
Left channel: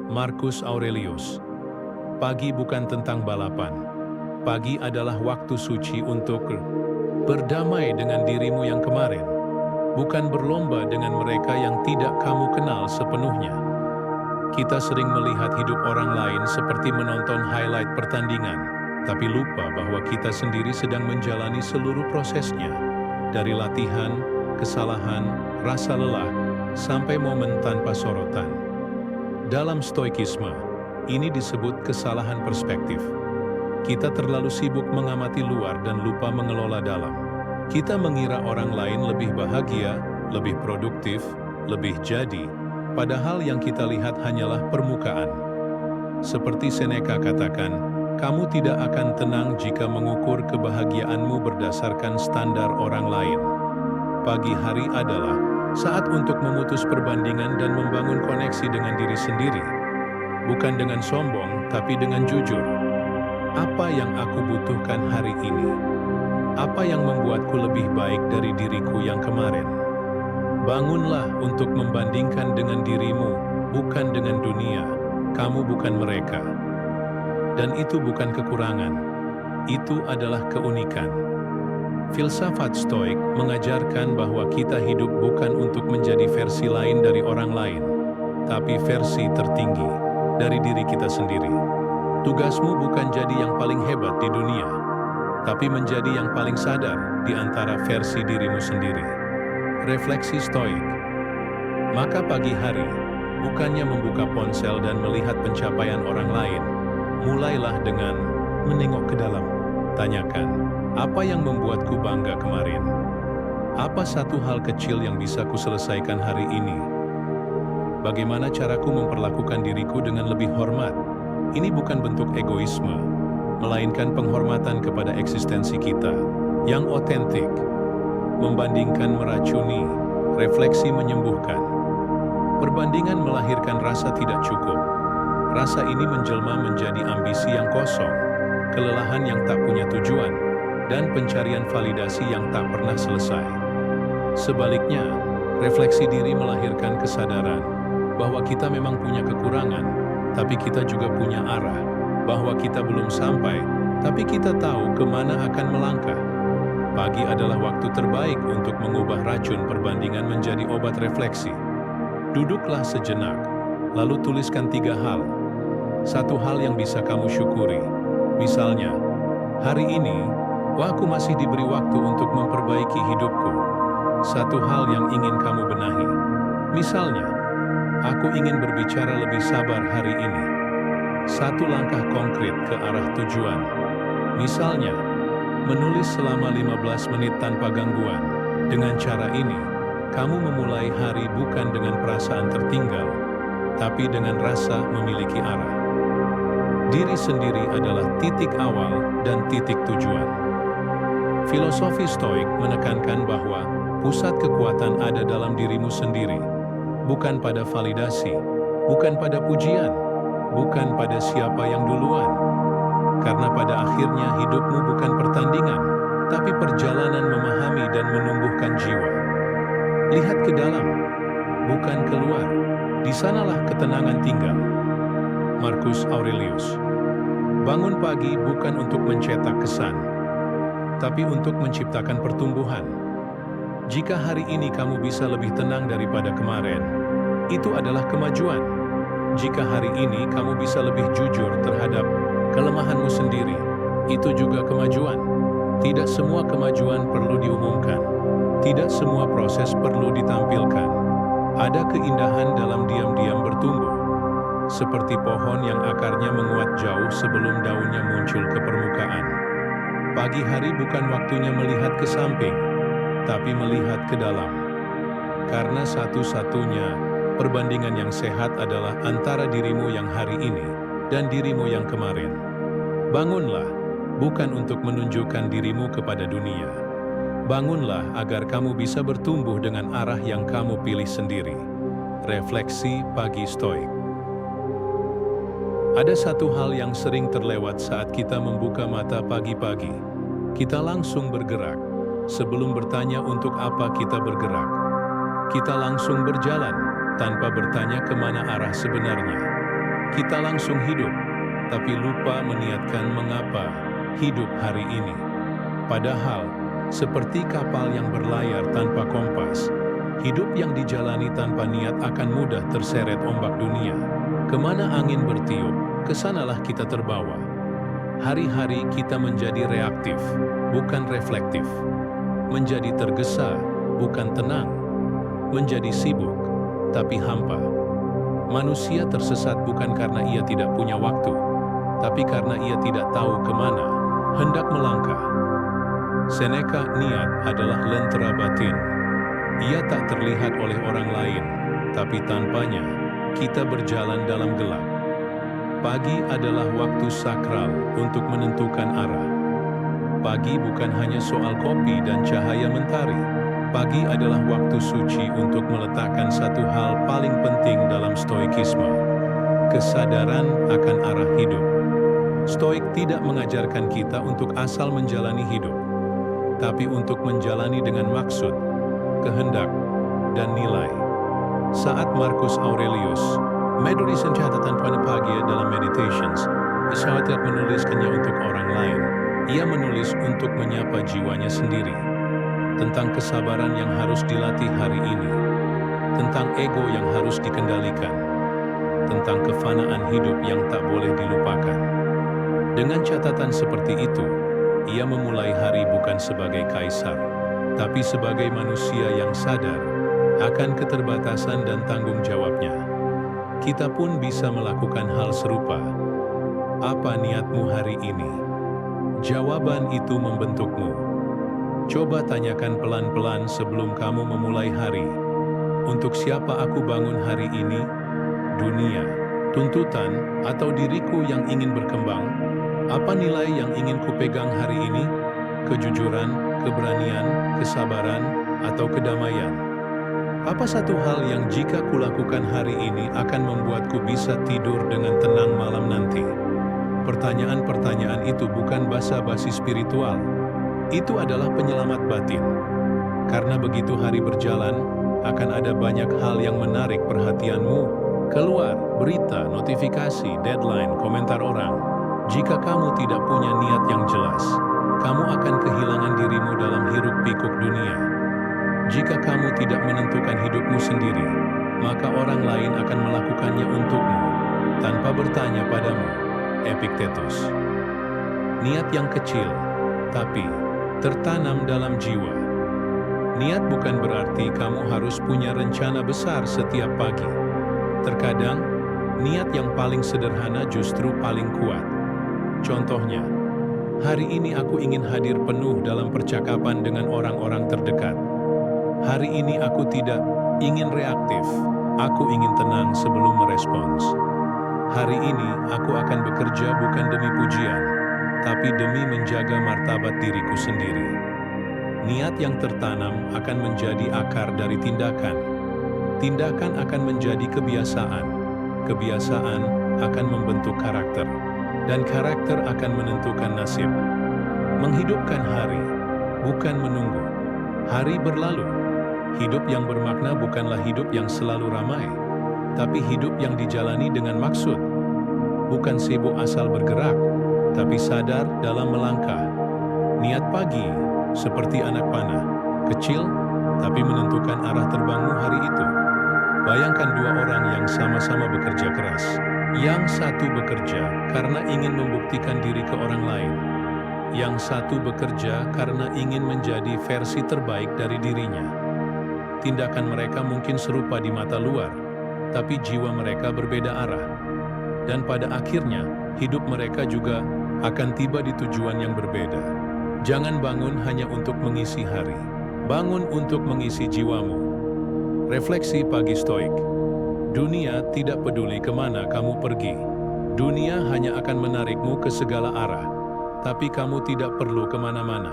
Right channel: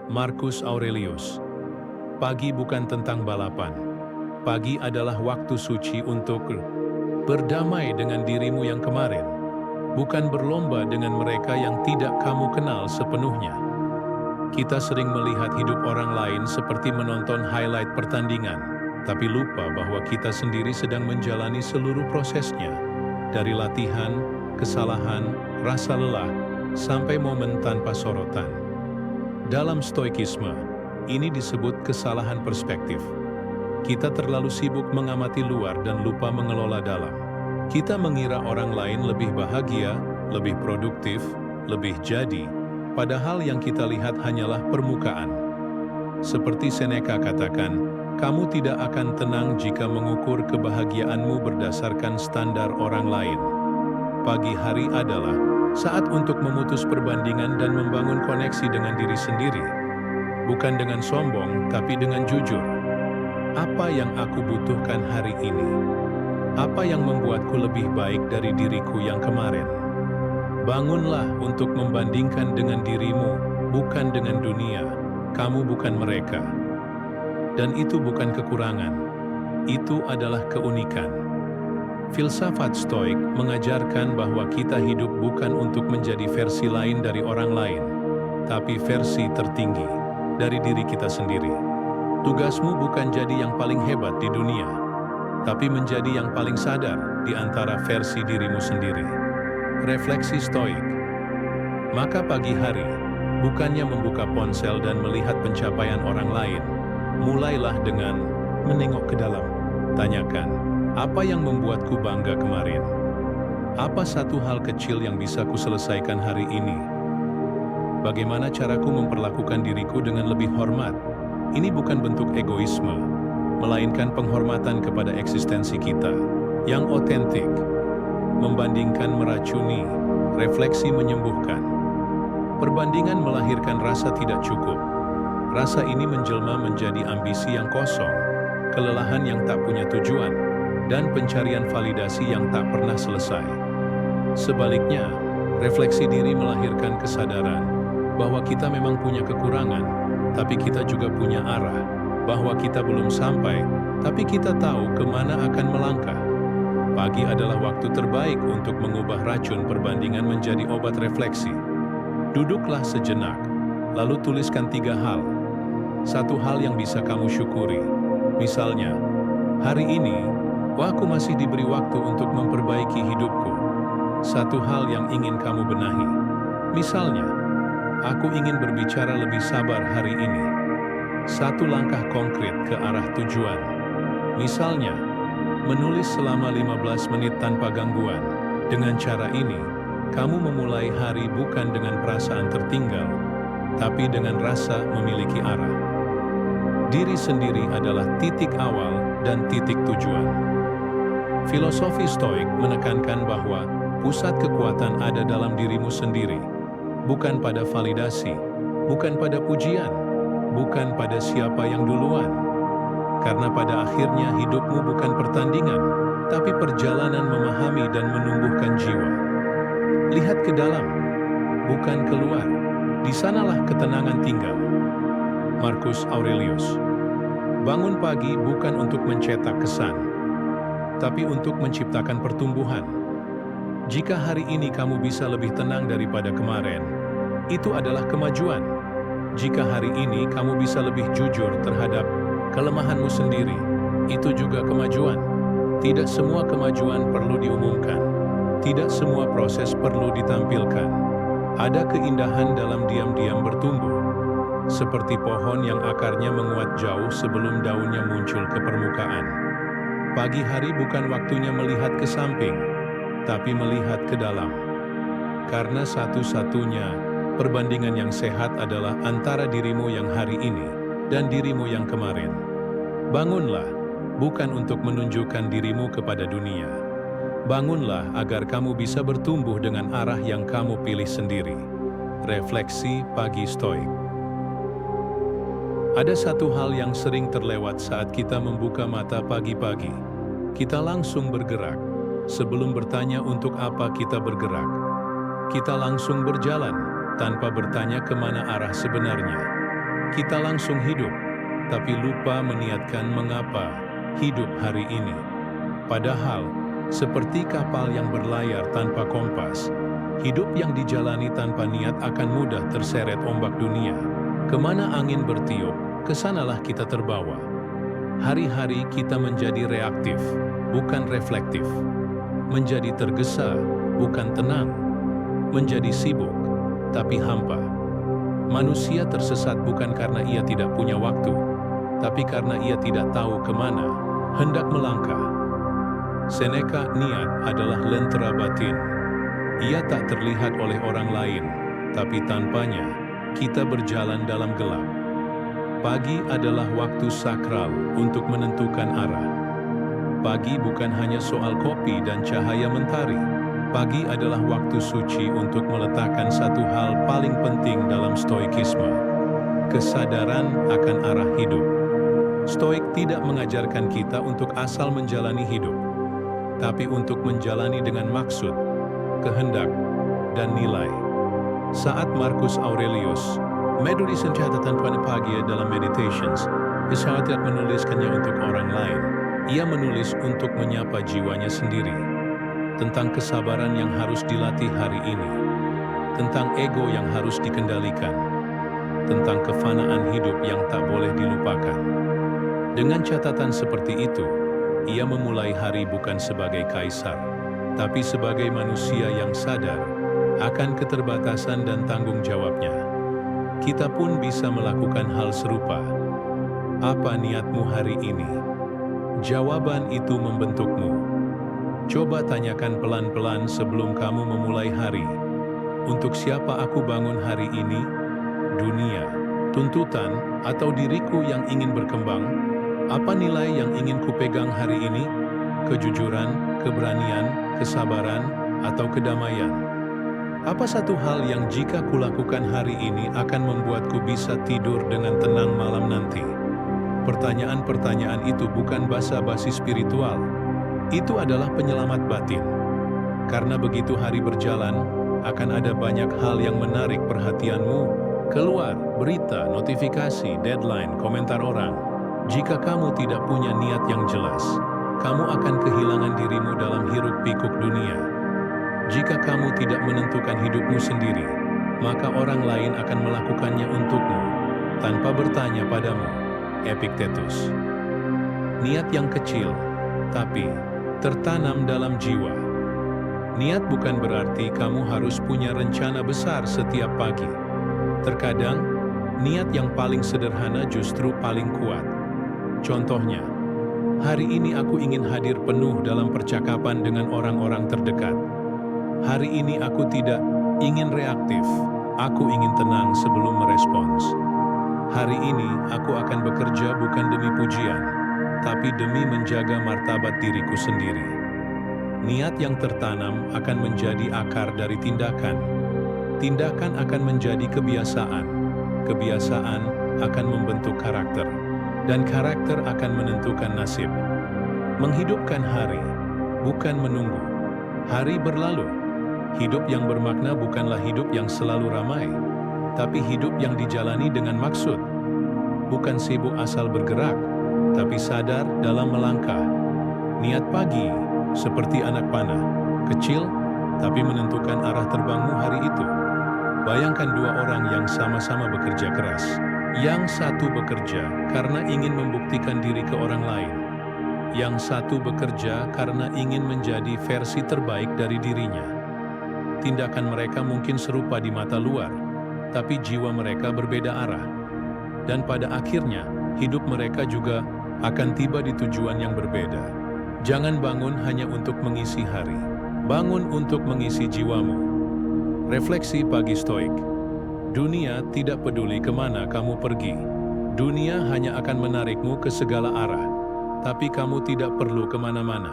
Marcus Aurelius. Pagi bukan tentang balapan. Pagi adalah waktu suci untuk berdamai dengan dirimu yang kemarin, bukan berlomba dengan mereka yang tidak kamu kenal sepenuhnya. Kita sering melihat hidup orang lain seperti menonton highlight pertandingan, tapi lupa bahwa kita sendiri sedang menjalani seluruh prosesnya. Dari latihan, kesalahan, rasa lelah, sampai momen tanpa sorotan. Dalam stoikisme, ini disebut kesalahan perspektif. Kita terlalu sibuk mengamati luar dan lupa mengelola dalam. Kita mengira orang lain lebih bahagia, lebih produktif, lebih jadi, padahal yang kita lihat hanyalah permukaan. Seperti Seneca katakan, kamu tidak akan tenang jika mengukur kebahagiaanmu berdasarkan standar orang lain. Pagi hari adalah saat untuk memutus perbandingan dan membangun koneksi dengan diri sendiri. Bukan dengan sombong, tapi dengan jujur. Apa yang aku butuhkan hari ini? Apa yang membuatku lebih baik dari diriku yang kemarin? Bangunlah untuk membandingkan dengan dirimu, bukan dengan dunia. Kamu bukan mereka. Dan itu bukan kekurangan, itu adalah keunikan. Filsafat Stoik mengajarkan bahwa kita hidup bukan untuk menjadi versi lain dari orang lain, tapi versi tertinggi dari diri kita sendiri. Tugasmu bukan jadi yang paling hebat di dunia, tapi menjadi yang paling sadar di antara versi dirimu sendiri. Refleksi Stoik. Maka pagi hari, bukannya membuka ponsel dan melihat pencapaian orang lain, mulailah dengan menengok ke dalam. Tanyakan, apa yang membuatku bangga kemarin? Apa satu hal kecil yang bisa kuselesaikan hari ini? Bagaimana caraku memperlakukan diriku dengan lebih hormat? Ini bukan bentuk egoisme, melainkan penghormatan kepada eksistensi kita yang otentik. Membandingkan meracuni, refleksi menyembuhkan. Perbandingan melahirkan rasa tidak cukup. Rasa ini menjelma menjadi ambisi yang kosong, kelelahan yang tak punya tujuan, dan pencarian validasi yang tak pernah selesai. Sebaliknya, refleksi diri melahirkan kesadaran bahwa kita memang punya kekurangan, tapi kita juga punya arah, bahwa kita belum sampai, tapi kita tahu kemana akan melangkah. Pagi adalah waktu terbaik untuk mengubah racun perbandingan menjadi obat refleksi. Duduklah sejenak, lalu tuliskan 3 hal. Satu hal yang bisa kamu syukuri. Misalnya, hari ini, aku masih diberi waktu untuk memperbaiki hidupku. Satu hal yang ingin kamu benahi. Misalnya, aku ingin berbicara lebih sabar hari ini. Satu langkah konkret ke arah tujuan. Misalnya, menulis selama 15 menit tanpa gangguan. Dengan cara ini, kamu memulai hari bukan dengan perasaan tertinggal, tapi dengan rasa memiliki arah. Diri sendiri adalah titik awal dan titik tujuan. Filosofi Stoik menekankan bahwa pusat kekuatan ada dalam dirimu sendiri, bukan pada validasi, bukan pada pujian, bukan pada siapa yang duluan. Karena pada akhirnya hidupmu bukan pertandingan, tapi perjalanan memahami dan menumbuhkan jiwa. Lihat ke dalam, bukan keluar. Di sanalah ketenangan tinggal. Marcus Aurelius. Bangun pagi bukan untuk mencetak kesan, tapi untuk menciptakan pertumbuhan. Jika hari ini kamu bisa lebih tenang daripada kemarin, itu adalah kemajuan. Jika hari ini kamu bisa lebih jujur terhadap kelemahanmu sendiri, itu juga kemajuan. Tidak semua kemajuan perlu diumumkan. Tidak semua proses perlu ditampilkan. Ada keindahan dalam diam-diam bertumbuh. Seperti pohon yang akarnya menguat jauh sebelum daunnya muncul ke permukaan. Pagi hari bukan waktunya melihat ke samping, tapi melihat ke dalam. Karena satu-satunya perbandingan yang sehat adalah antara dirimu yang hari ini dan dirimu yang kemarin. Bangunlah, bukan untuk menunjukkan dirimu kepada dunia. Bangunlah agar kamu bisa bertumbuh dengan arah yang kamu pilih sendiri. Refleksi pagi Stoik. Ada satu hal yang sering terlewat saat kita membuka mata pagi-pagi. Kita langsung bergerak. Sebelum bertanya untuk apa kita bergerak, kita langsung berjalan tanpa bertanya kemana arah sebenarnya. Kita langsung hidup, tapi lupa meniatkan mengapa hidup hari ini. Padahal, seperti kapal yang berlayar tanpa kompas, hidup yang dijalani tanpa niat akan mudah terseret ombak dunia. Kemana angin bertiup, kesanalah kita terbawa. Hari-hari kita menjadi reaktif, bukan reflektif. Menjadi tergesa, bukan tenang. Menjadi sibuk, tapi hampa. Manusia tersesat bukan karena ia tidak punya waktu, tapi karena ia tidak tahu kemana hendak melangkah. Seneca, niat adalah lentera batin. Ia tak terlihat oleh orang lain, tapi tanpanya, kita berjalan dalam gelap. Pagi adalah waktu sakral untuk menentukan arah. Pagi bukan hanya soal kopi dan cahaya mentari. Pagi adalah waktu suci untuk meletakkan satu hal paling penting dalam stoikisme. Kesadaran akan arah hidup. Stoik tidak mengajarkan kita untuk asal menjalani hidup, tapi untuk menjalani dengan maksud, kehendak, dan nilai. Saat Marcus Aurelius menulis catatan pagi dalam Meditations, Yesaya tidak menuliskannya untuk orang lain. Ia menulis untuk menyapa jiwanya sendiri. Tentang kesabaran yang harus dilatih hari ini. Tentang ego yang harus dikendalikan. Tentang kefanaan hidup yang tak boleh dilupakan. Dengan catatan seperti itu, ia memulai hari bukan sebagai kaisar, tapi sebagai manusia yang sadar akan keterbatasan dan tanggung jawabnya. Kita pun bisa melakukan hal serupa. Apa niatmu hari ini? Jawaban itu membentukmu. Coba tanyakan pelan-pelan sebelum kamu memulai hari. Untuk siapa aku bangun hari ini? Dunia, tuntutan, atau diriku yang ingin berkembang? Apa nilai yang ingin kupegang hari ini? Kejujuran, keberanian, kesabaran, atau kedamaian? Apa satu hal yang jika kulakukan hari ini akan membuatku bisa tidur dengan tenang malam nanti? Pertanyaan-pertanyaan itu bukan basa-basi spiritual. Itu adalah penyelamat batin. Karena begitu hari berjalan, akan ada banyak hal yang menarik perhatianmu. Keluar, berita, notifikasi, deadline, komentar orang. Jika kamu tidak punya niat yang jelas, kamu akan kehilangan dirimu dalam hiruk-pikuk dunia. Jika kamu tidak menentukan hidupmu sendiri, maka orang lain akan melakukannya untukmu, tanpa bertanya padamu. Epictetus. Niat yang kecil, tapi tertanam dalam jiwa. Niat bukan berarti kamu harus punya rencana besar setiap pagi. Terkadang, niat yang paling sederhana justru paling kuat. Contohnya, hari ini aku ingin hadir penuh dalam percakapan dengan orang-orang terdekat. Hari ini aku tidak ingin reaktif, aku ingin tenang sebelum merespons. Hari ini aku akan bekerja bukan demi pujian, tapi demi menjaga martabat diriku sendiri. Niat yang tertanam akan menjadi akar dari tindakan. Tindakan akan menjadi kebiasaan. Kebiasaan akan membentuk karakter. Dan karakter akan menentukan nasib. Menghidupkan hari, bukan menunggu. Hari berlalu. Hidup yang bermakna bukanlah hidup yang selalu ramai, tapi hidup yang dijalani dengan maksud. Bukan sibuk asal bergerak, tapi sadar dalam melangkah. Niat pagi, seperti anak panah, kecil, tapi menentukan arah terbangmu hari itu. Bayangkan dua orang yang sama-sama bekerja keras. Yang satu bekerja karena ingin membuktikan diri ke orang lain. Yang satu bekerja karena ingin menjadi versi terbaik dari dirinya. Tindakan mereka mungkin serupa di mata luar, tapi jiwa mereka berbeda arah. Dan pada akhirnya, hidup mereka juga akan tiba di tujuan yang berbeda. Jangan bangun hanya untuk mengisi hari. Bangun untuk mengisi jiwamu. Refleksi pagi stoik. Dunia tidak peduli kemana kamu pergi. Dunia hanya akan menarikmu ke segala arah. Tapi kamu tidak perlu kemana-mana.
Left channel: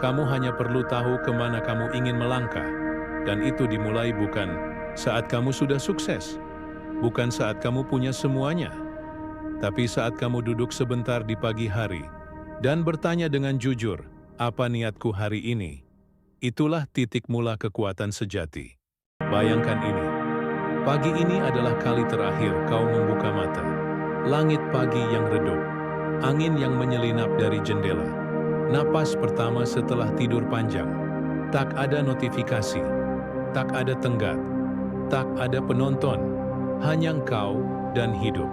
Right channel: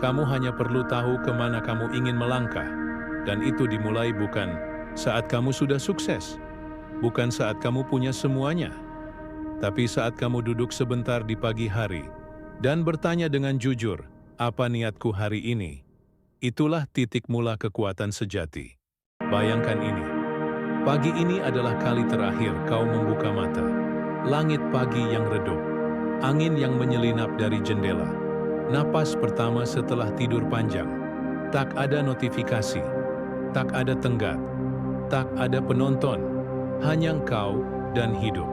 Kamu hanya perlu tahu kemana kamu ingin melangkah. Dan itu dimulai bukan saat kamu sudah sukses, bukan saat kamu punya semuanya, tapi saat kamu duduk sebentar di pagi hari dan bertanya dengan jujur, apa niatku hari ini? Itulah titik mula kekuatan sejati. Bayangkan ini, pagi ini adalah kali terakhir kau membuka mata. Langit pagi yang redup, angin yang menyelinap dari jendela, napas pertama setelah tidur panjang, tak ada notifikasi. Tak ada tenggat, tak ada penonton, hanya engkau dan hidup.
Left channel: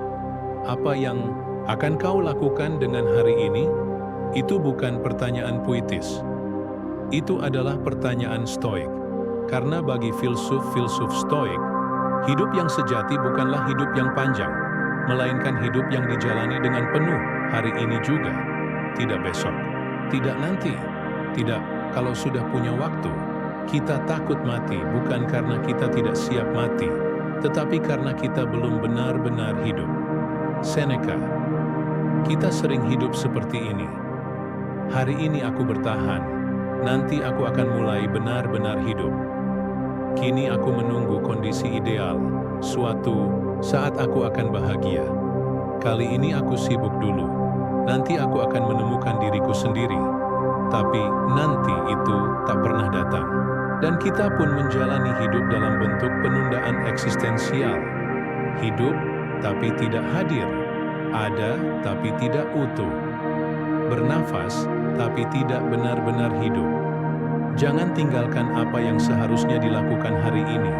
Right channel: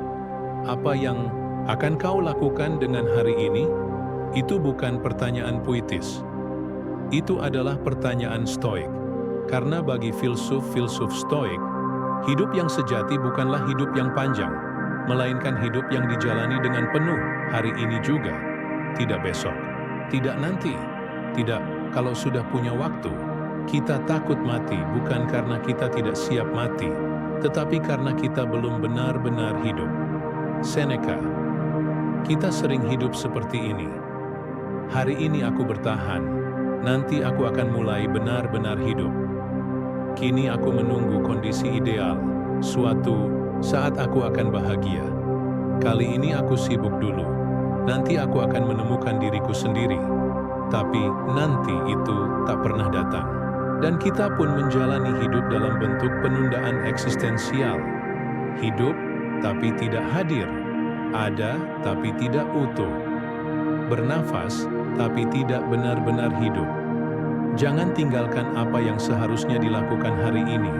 Apa yang akan kau lakukan dengan hari ini? Itu bukan pertanyaan puitis. Itu adalah pertanyaan stoik. Karena bagi filsuf-filsuf stoik, hidup yang sejati bukanlah hidup yang panjang, melainkan hidup yang dijalani dengan penuh hari ini juga. Tidak besok, tidak nanti, tidak kalau sudah punya waktu. Kita takut mati bukan karena kita tidak siap mati, tetapi karena kita belum benar-benar hidup. Seneca. Kita sering hidup seperti ini. Hari ini aku bertahan, nanti aku akan mulai benar-benar hidup. Kini aku menunggu kondisi ideal, suatu saat aku akan bahagia. Kali ini aku sibuk dulu, nanti aku akan menemukan diriku sendiri. Tapi nanti itu tak pernah datang. Dan kita pun menjalani hidup dalam bentuk penundaan eksistensial. Hidup, tapi tidak hadir. ada tapi tidak utuh, bernafas tapi tidak benar-benar hidup. Jangan tinggalkan apa yang seharusnya dilakukan hari ini,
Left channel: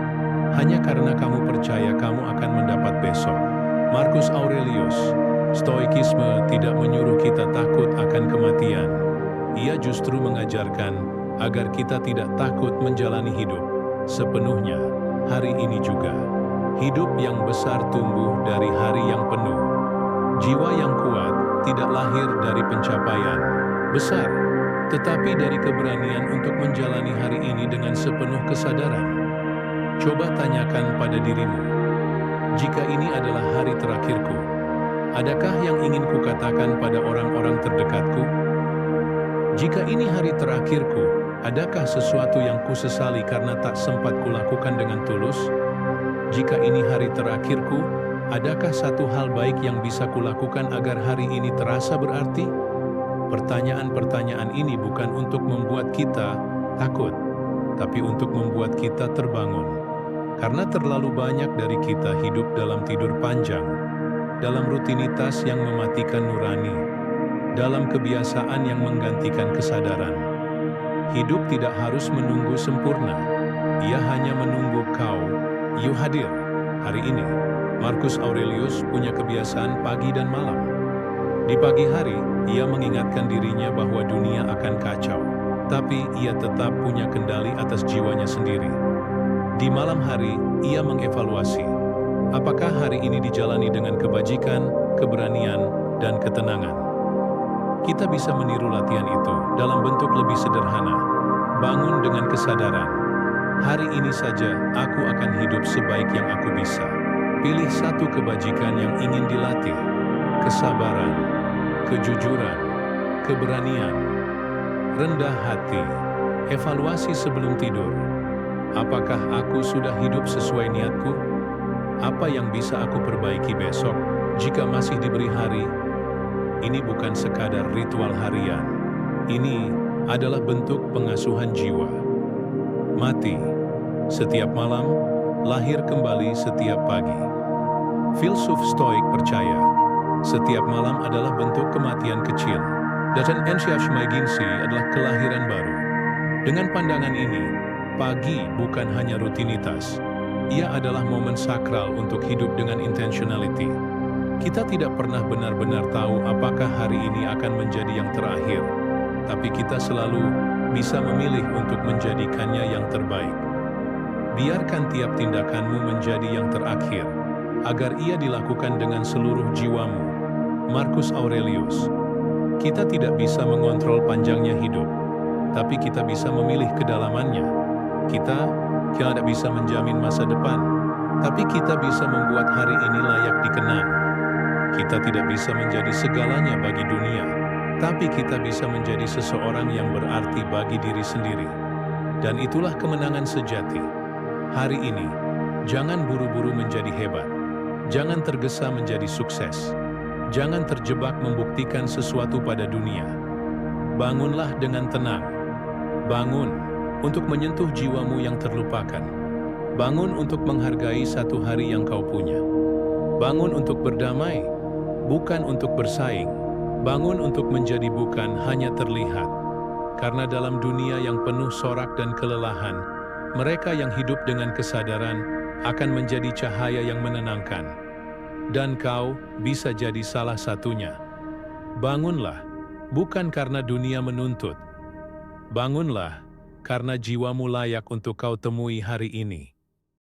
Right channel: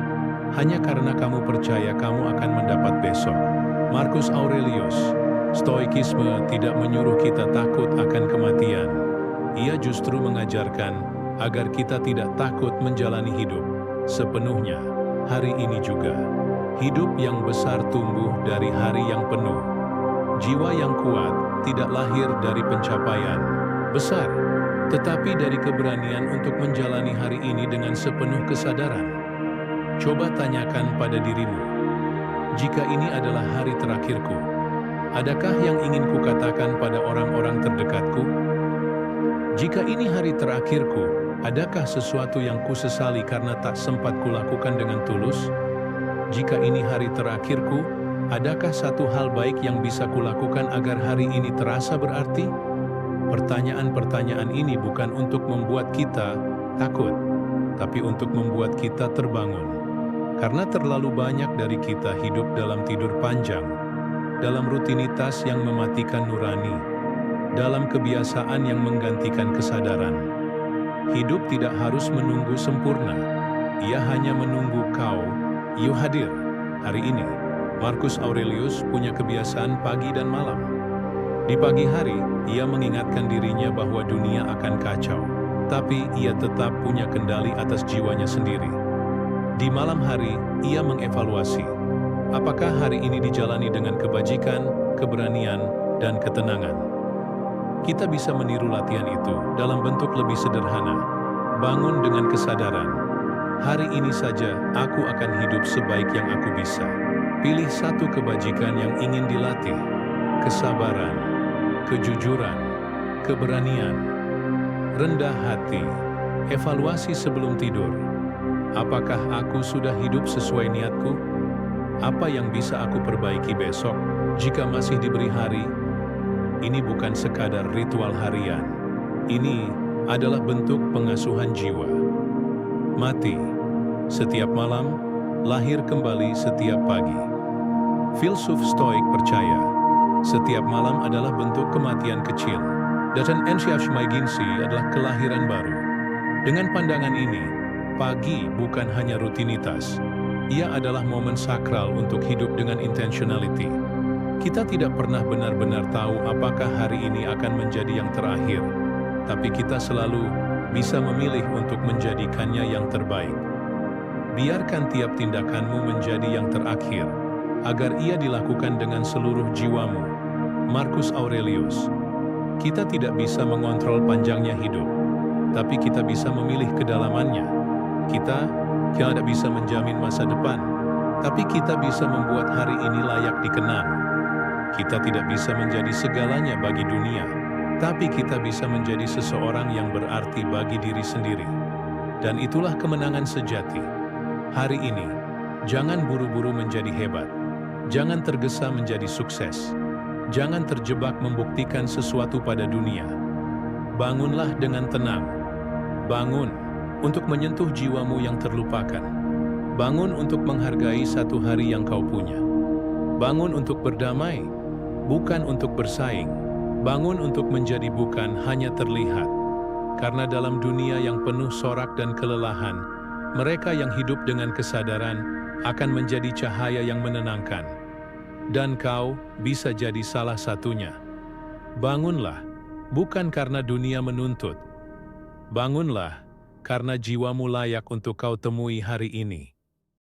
hanya karena kamu percaya kamu akan mendapat besok. Marcus Aurelius. Stoikisme tidak menyuruh kita takut akan kematian. Ia justru mengajarkan agar kita tidak takut menjalani hidup sepenuhnya hari ini juga. Hidup yang besar tumbuh dari hari yang penuh. Jiwa yang kuat tidak lahir dari pencapaian besar, tetapi dari keberanian untuk menjalani hari ini dengan sepenuh kesadaran. Coba tanyakan pada dirimu, jika ini adalah hari terakhirku, adakah yang ingin kukatakan pada orang-orang terdekatku? Jika ini hari terakhirku, adakah sesuatu yang kusesali karena tak sempat kulakukan dengan tulus? Jika ini hari terakhirku, adakah satu hal baik yang bisa kulakukan agar hari ini terasa berarti? Pertanyaan-pertanyaan ini bukan untuk membuat kita takut, tapi untuk membuat kita terbangun. Karena terlalu banyak dari kita hidup dalam tidur panjang, dalam rutinitas yang mematikan nurani, dalam kebiasaan yang menggantikan kesadaran. Hidup tidak harus menunggu sempurna, ia hanya menunggu kau. Yuk hadir. Hari ini, Marcus Aurelius punya kebiasaan pagi dan malam. Di pagi hari, ia mengingatkan dirinya bahwa dunia akan kacau, tapi ia tetap punya kendali atas jiwanya sendiri. Di malam hari, ia mengevaluasi, apakah hari ini dijalani dengan kebajikan, keberanian, dan ketenangan. Kita bisa meniru latihan itu dalam bentuk lebih sederhana. Bangun dengan kesadaran, hari ini saja aku akan hidup sebaik yang aku bisa. Pilih satu kebajikan yang ingin dilatih, kesabaran, kejujuran, keberanian, rendah hati, evaluasi sebelum tidur. Apakah aku sudah hidup sesuai niatku? Apa yang bisa aku perbaiki besok jika masih diberi hari? Ini bukan sekadar ritual harian. Ini adalah bentuk pengasuhan jiwa. Mati setiap malam, lahir kembali setiap pagi. Filsuf Stoik percaya, setiap malam adalah bentuk kematian kecil, dan Enshiashmaiginsi adalah kelahiran baru. Dengan pandangan ini, pagi bukan hanya rutinitas, ia adalah momen sakral untuk hidup dengan intentionality. Kita tidak pernah benar-benar tahu apakah hari ini akan menjadi yang terakhir, tapi kita selalu bisa memilih untuk menjadikannya yang terbaik. Biarkan tiap tindakanmu menjadi yang terakhir, agar ia dilakukan dengan seluruh jiwamu. Marcus Aurelius. Kita tidak bisa mengontrol panjangnya hidup, tapi kita bisa memilih kedalamannya. Kita tidak bisa menjamin masa depan, tapi kita bisa membuat hari ini layak dikenang. Kita tidak bisa menjadi segalanya bagi dunia, tapi kita bisa menjadi seseorang yang berarti bagi diri sendiri. Dan itulah kemenangan sejati. Hari ini, jangan buru-buru menjadi hebat. Jangan tergesa menjadi sukses. Jangan terjebak membuktikan sesuatu pada dunia. Bangunlah dengan tenang. Bangun untuk menyentuh jiwamu yang terlupakan. Bangun untuk menghargai satu hari yang kau punya. Bangun untuk berdamai, bukan untuk bersaing. Bangun untuk menjadi bukan hanya terlihat. Karena dalam dunia yang penuh sorak dan kelelahan, mereka yang hidup dengan kesadaran akan menjadi cahaya yang menenangkan. Dan kau bisa jadi salah satunya. Bangunlah, bukan karena dunia menuntut. Bangunlah, karena jiwamu layak untuk kau temui hari ini.